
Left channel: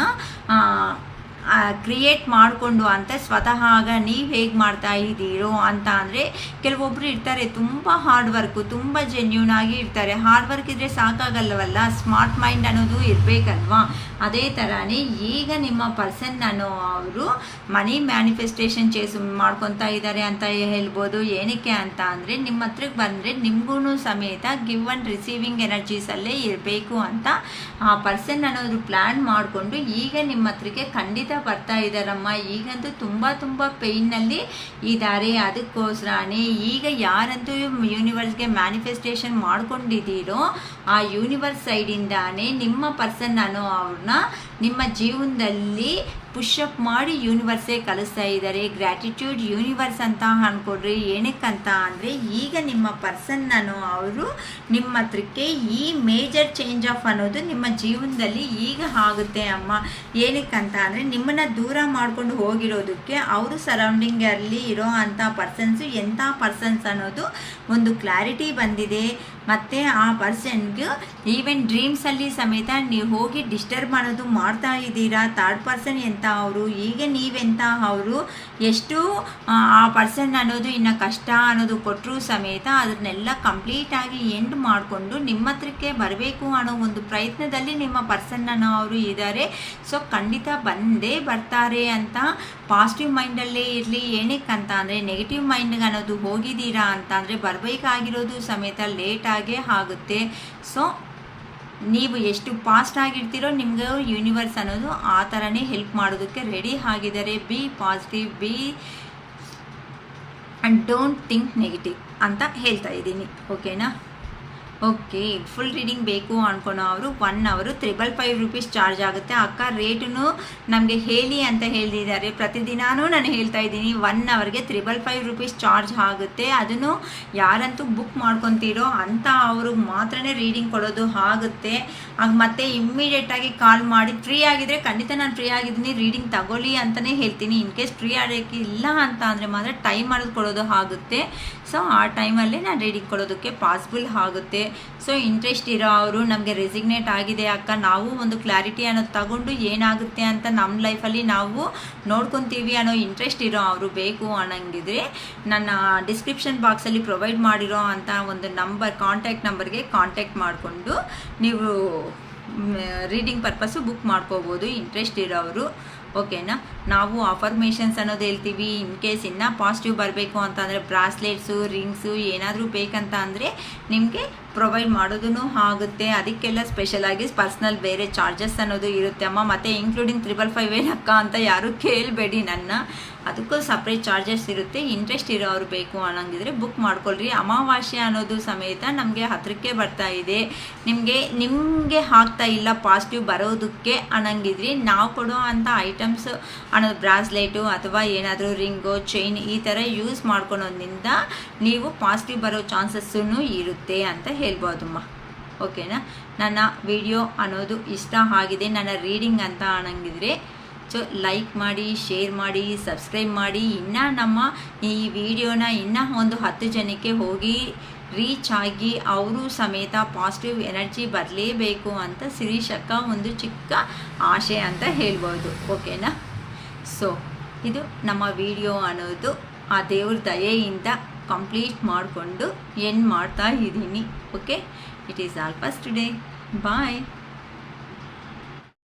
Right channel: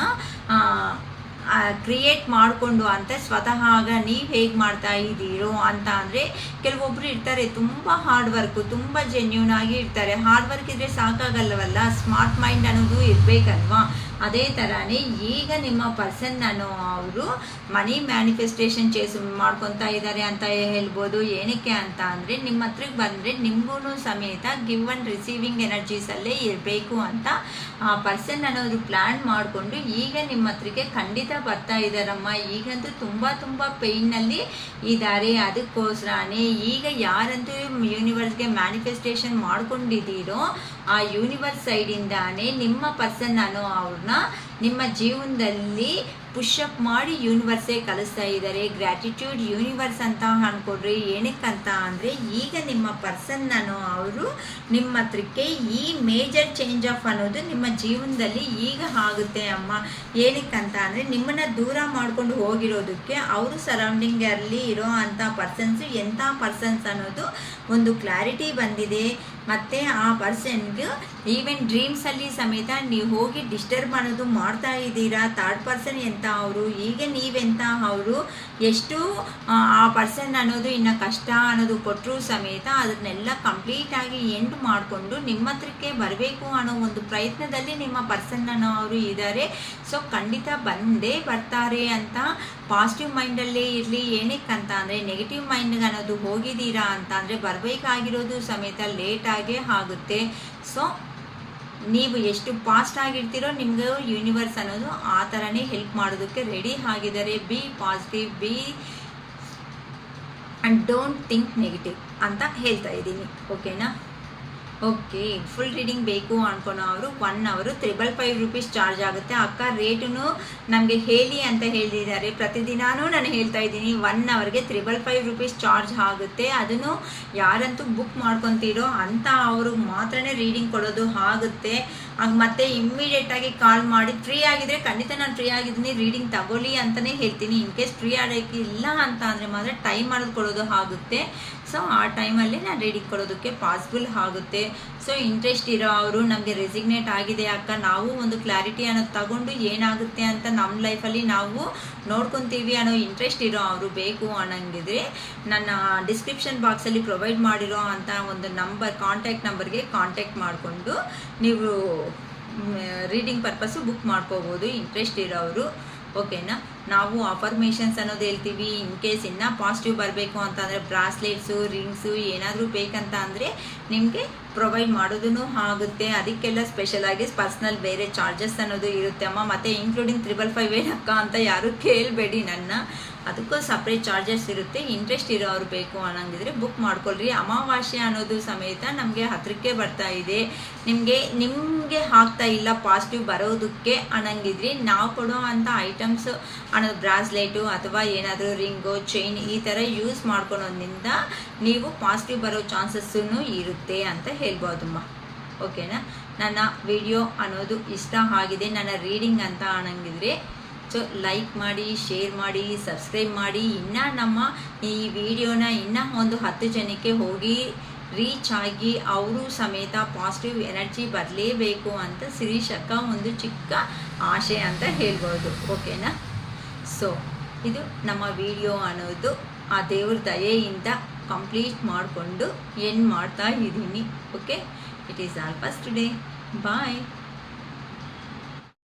ಕ್ರಿಯೇಟ್ ಮಾಡಿಕೊಂಡು ಅಂತ ಸ್ವತಃ ಆಗ ನೀವು ಹೇಗೆ ಮಾಡ್ತಾ ಇದ್ದೀರೋ ಅಂತ ಅಂದರೆ ಕೆಲವೊಬ್ಬರು ಇರ್ತಾರೆ ತುಂಬ ಹಾರ್ಡ್ ವರ್ಕು, ತುಂಬ ಜೆನ್ಯೂನ್ ಆಗಿ ಇರ್ತಾರೆ. ಹಾರ್ಡ್ ವರ್ಕ್ ಇದ್ದರೆ ಸಾಕಾಗಲ್ಲವಲ್ಲ, ಸ್ಮಾರ್ಟ್ ಮೈಂಡ್ ಅನ್ನೋದು ಇರಬೇಕಲ್ವಾ. ಅದೇ ಥರನೇ ಈಗ ನಿಮ್ಮ ಪರ್ಸನ್ ಅವರು ಮನಿ ಮ್ಯಾನಿಫೆಸ್ಟೇಷನ್ ಮಾಡ್ಕೊತಾ ಇದ್ದಾರೆ ಅಂತ ಹೇಳ್ಬೋದು. ಏನಕ್ಕೆ ಅಂತ ಅಂದರೆ ನಿಮ್ಮ ಹತ್ರಕ್ಕೆ ಬಂದರೆ ನಿಮಗೂ ಸಮೇತ ಗಿವ್ ಆ್ಯಂಡ್ ರಿಸೀವಿಂಗ್ ಎನರ್ಜೀಸಲ್ಲೇ ಇರಬೇಕು ಅಂತ ಆ ಪರ್ಸನ್ ಅನ್ನೋದು ಪ್ಲ್ಯಾನ್ ಮಾಡಿಕೊಂಡು ಈಗ ನಿಮ್ಮ ಹತ್ರಕ್ಕೆ ಖಂಡಿತ ಬರ್ತಾ ಇದ್ದಾರಮ್ಮ. ಈಗಂತೂ ತುಂಬ ಪೇಯ್ನಲ್ಲಿ ಇದ್ದಾರೆ. ಅದಕ್ಕೋಸ್ಕರನೇ ಈಗ ಯಾರಂತೂ ಯೂನಿವರ್ಸ್ಗೆ ಮ್ಯಾನಿಫೆಸ್ಟೇಷನ್ ಮಾಡ್ಕೊಂಡಿದ್ದೀರೋ ಆ ಯೂನಿವರ್ಸ್ ಸೈಡಿಂದಾನೇ ನಿಮ್ಮ ಪರ್ಸನ್ ಅನ್ನೋ ಅವ್ರನ್ನ ನಿಮ್ಮ ಜೀವನದಲ್ಲಿ ಪುಷಪ್ ಮಾಡಿ ಯೂನಿವರ್ಸೇ ಕಲಿಸ್ತಾ ಇದ್ದಾರೆ. ಗ್ರ್ಯಾಟಿಟ್ಯೂಡ್ ಯೂನಿವರ್ಸ್ ಅಂತ ಅನ್ಕೊಡ್ರಿ. ಏನಕ್ಕಂತ ಅಂದರೆ ಈಗ ನಿಮ್ಮ ಪರ್ಸನ್ ಅವರು ನಿಮ್ಮ ಹತ್ರಕ್ಕೆ ಈ ಮೇಜರ್ ಚೇಂಜ್ ಆಫ್ ಅನ್ನೋದು ನಿಮ್ಮ ಜೀವನದಲ್ಲಿ ಈಗ ಆಗುತ್ತೆ ಅಮ್ಮ. ಏನಕ್ಕಂತ ಅಂದರೆ ನಿಮ್ಮನ್ನು ದೂರ ಮಾಡ್ಕೊಂಡು ಹೋಗಿರೋದಕ್ಕೆ ಅವರು ಸರೌಂಡಿಂಗಲ್ಲಿ ಇರೋ ಅಂಥ ಪರ್ಸನ್ಸು ಎಂಥ ಪರ್ಸನ್ಸ್ ಅನ್ನೋದು ಒಂದು ಕ್ಲಾರಿಟಿ ಬಂದಿದೆ. ಮತ್ತು ಆ ಪರ್ಸನ್ಗೆ ಈವನ್ ಡ್ರೀಮ್ಸಲ್ಲಿ ಸಮೇತ ನೀವು ಹೋಗಿ ಡಿಸ್ಟರ್ಬ್ ಮಾಡೋದು ಮಾಡ್ತಾ ಇದ್ದೀರಾ. ಥರ್ಡ್ ಪರ್ಸನ್ ಎಂತ ಅವರು, ಈಗ ನೀವೆಂತ ಅವರು, ಎಷ್ಟು ಆ ಪರ್ಸನ್ ಅನ್ನೋದು ಇನ್ನು ಕಷ್ಟ ಅನ್ನೋದು ಕೊಟ್ಟರು ಸಮೇತ ಅದನ್ನೆಲ್ಲ ಕಂಪ್ಲೀಟಾಗಿ ಎಂಡ್ ಮಾಡಿಕೊಂಡು ನಿಮ್ಮ ಹತ್ರಕ್ಕೆ ಬರಬೇಕು ಅನ್ನೋ ಒಂದು ಪ್ರಯತ್ನದಲ್ಲಿ ನಿಮ್ಮ ಪರ್ಸನ್ ಅನ್ನೋ ಅವರು ಇದ್ದಾರೆ. ಸೊ ಖಂಡಿತ ಬಂದೇ ಬರ್ತಾರೆ ಅಂತ ಪಾಸಿಟಿವ್ ಮೈಂಡಲ್ಲೇ ಇರಲಿ. ಏನಕ್ಕಂತ ಅಂದರೆ ನೆಗೆಟಿವ್ ಮೈಂಡ್ಗೆ ಅನ್ನೋದು ಹೋಗಿದ್ದೀರಾ ಅಂತ ಅಂದರೆ ಬರಬೇಕಾಗಿರೋದು ಸಮೇತ ಲೇಟಾಗೇ ಆಗುತ್ತೆ. ಸೊ ನೀವು ಎಷ್ಟು ಫಾಸ್ಟ್ ಆಗಿರ್ತೀರೋ ನಿಮ್ಗೆ ಯೂನಿವರ್ಸ್ ಅನ್ನೋದು ಆ ಥರನೇ ಹೆಲ್ಪ್ ಮಾಡೋದಕ್ಕೆ ರೆಡಿ ಆಗಿದ್ದಾರೆ. B positive, B and don't think negative ಅಂತ ಹೇಳ್ತಾ ಇದ್ದೀನಿ. ಓಕೆನಾ? ಓಕೆ, ಫುಲ್ ರೀಡಿಂಗ್ ಬೇಕು ಅನ್ಕೊಳೋ ಅವರು 1 hour 555 rupees ಚಾರ್ಜ್ ಆಗುತ್ತೆ. ಅಕ್ಕ ರೇಟನ್ನು ನಮಗೆ ಹೇಳಿ ಅಂತ ಹೇಳಿದ್ದಾರೆ. ಪ್ರತಿದಿನಾನೂ ನಾನು ಹೇಳ್ತಾ ಇದ್ದೀನಿ 1 hourಗೆ 555 rupees ಚಾರ್ಜ್ ಆಗುತ್ತೆ. ಅದನ್ನು ಯಾರಂತೂ ಬುಕ್ ಮಾಡ್ಕೊತೀರೋ ಅಂತ ಅವರು ಮಾತ್ರನೇ ರೀಡಿಂಗ್ ಕೊಡೋದು ಆಗುತ್ತೆ. ಮತ್ತೆ ಇಮ್ಮಿಡಿಯೇಟಾಗಿ ಕಾಲ್ ಮಾಡಿ ಫ್ರೀ ಆಗಿದ್ರೆ ಖಂಡಿತ ನಾನು ಫ್ರೀ ಆಗಿದ್ದೀನಿ ರೀಡಿಂಗ್ ತಗೊಳ್ಳಿ ಅಂತಲೇ ಹೇಳ್ತೀನಿ. ಇನ್ ಕೇಸ್ ಫ್ರೀ ಆಡೋಕ್ಕೆ ಇಲ್ಲ ಅಂತ ಅಂದರೆ ಮಾತ್ರ ಟೈಮ್ ಮಾಡೋದು ಕೊಡೋದು ಆಗುತ್ತೆ. ಸೊ ಆ ಟೈಮಲ್ಲಿ ನಾನು ರೀಡಿಂಗ್ ಕೊಡೋದಕ್ಕೆ ಪಾಸಿಬಲ್ ಆಗುತ್ತೆ. ಸೊ ಇಂಟ್ರೆಸ್ಟ್ ಇರೋ ಅವರು ನಮಗೆ ರೆಸಿಗ್ನೇಟ್ ಆಗಿದೆ ಅಕ್ಕ, ನಾವು ಒಂದು ಕ್ಲಾರಿಟಿ ಅನ್ನೋದು ತಗೊಂಡು ಏನಾಗುತ್ತೆ ಅಂತ ನಮ್ಮ ಲೈಫಲ್ಲಿ ನಾವು ನೋಡ್ಕೊತೀವಿ ಅನ್ನೋ ಇಂಟ್ರೆಸ್ಟ್ ಇರೋ ಅವರು ಬೇಕು ಅನ್ನಂಗಿದ್ರೆ ನನ್ನ ಡಿಸ್ಕ್ರಿಪ್ಷನ್ ಬಾಕ್ಸಲ್ಲಿ ಪ್ರೊವೈಡ್ ಮಾಡಿರೋ ಅಂಥ ಒಂದು ಕಾಂಟ್ಯಾಕ್ಟ್ ನಂಬರ್ಗೆ ಕಾಂಟ್ಯಾಕ್ಟ್ ಮಾಡಿಕೊಂಡು ನೀವು ರೀಡಿಂಗ್ ಪರ್ಪಸ್ಸು ಬುಕ್ ಮಾಡ್ಕೋಬೋದು ಇಂಟ್ರೆಸ್ಟ್ ಇರೋರು. ಓಕೆನಾ. ನಾವು ಅಫರ್ಮೇಷನ್ಸ್ ಅನ್ನೋದು ಹೇಳ್ತೀವಿ. ಇನ್ ಕೇಸ್ ಇನ್ನೂ ಪಾಸಿಟಿವ್ ಬರಬೇಕು ಅಂತಂದರೆ ಬ್ರಾಸ್ಲೆಟ್ಸು, ರಿಮ್ಸು ಏನಾದರೂ ಬೇಕಂತ ಅಂದರೆ ನಿಮಗೆ ಪ್ರೊವೈಡ್ ಮಾಡೋದೂ ಆಗುತ್ತೆ. ಅದಕ್ಕೆಲ್ಲ ಸ್ಪೆಷಲಾಗಿ ಪರ್ಸ್ನಲ್ ಬೇರೆ ಚಾರ್ಜಸ್ ಅನ್ನೋದು ಇರುತ್ತೆ ಅಮ್ಮ. ಮತ್ತು ಇನ್ಕ್ಲೂಡಿಂಗ್ 555 ಏನಕ್ಕ ಅಂತ ಯಾರೂ ಕೇಳಬೇಡಿ ನನ್ನ, ಅದಕ್ಕೂ ಸಪ್ರೇಟ್ ಚಾರ್ಜಸ್ ಇರುತ್ತೆ. ಇಂಟ್ರೆಸ್ಟ್ ಇರೋರು ಬೇಕು ಅನ್ನಂಗಿದ್ರೆ ಬುಕ್ ಮಾಡ್ಕೊಳ್ರಿ. ಅಮಾವಾಸ್ಯೆ ಅನ್ನೋದು ಸಮೇತ ನಮಗೆ ಹತ್ರಕ್ಕೆ ಬರ್ತಾ ಇದೆ. ನಿಮಗೆ ಆಗ್ತಾ ಇಲ್ಲ ಪಾಸಿಟಿವ್ ಬರೋದಕ್ಕೆ ಅನ್ನಂಗಿದ್ರಿ ನಾವು ಕೊಡೋ ಅಂಥ ಐಟಮ್ಸ್ ಅನ್ನೋದು ಬ್ರಾಸ್ಲೆಟು ಅಥವಾ ಏನಾದರೂ ರಿಂಗು, ಚೈನ್ ಈ ಥರ ಯೂಸ್ ಮಾಡ್ಕೊಳೋದ್ರಿಂದ ನೀವು ಪಾಸಿಟಿವ್ ಬರೋ ಚಾನ್ಸಸ್ಸೂ ಇರುತ್ತೆ ಅಂತ ಹೇಳ್ಬೋದಮ್ಮ. ಓಕೆನಾ. ನನ್ನ ವಿಡಿಯೋ ಅನ್ನೋದು ಇಷ್ಟ ಆಗಿದೆ, ನನ್ನ ರೀಡಿಂಗ್ ಅಂತ ಅನ್ನಂಗಿದ್ರೆ ಸೊ ಲೈಕ್ ಮಾಡಿ, ಶೇರ್ ಮಾಡಿ, ಸಬ್ಸ್ಕ್ರೈಬ್ ಮಾಡಿ. ಇನ್ನು ನಮ್ಮ ಈ ವಿಡಿಯೋನ ಇನ್ನೂ ಒಂದು 10 ಜನಕ್ಕೆ ಹೋಗಿ ರೀಚ್ ಆಗಿ ಅವರು ಸಮೇತ ಪಾಸಿಟಿವ್ ಎನರ್ಜಿ ಬರಲೇಬೇಕು ಅಂತ ಶಿರೀಷಕ್ಕ ಒಂದು ಚಿಕ್ಕ ಆಶೆ ಅಂತ ಹೇಳ್ಬೋದು. ಓಕೆನಾ. ಸೊ ಇದು ನಮ್ಮ ವಿಡಿಯೋ ಅನ್ನೋದು ಆ ದೇವ್ರ ದಯೆಯಿಂದ ಕಂಪ್ಲೀಟ್ ಮಾಡಿಕೊಂಡು ಎಂಡ್ ಮಾಡ್ತಾ ಇದ್ದೀನಿ. Okay, it is all first today. Bye.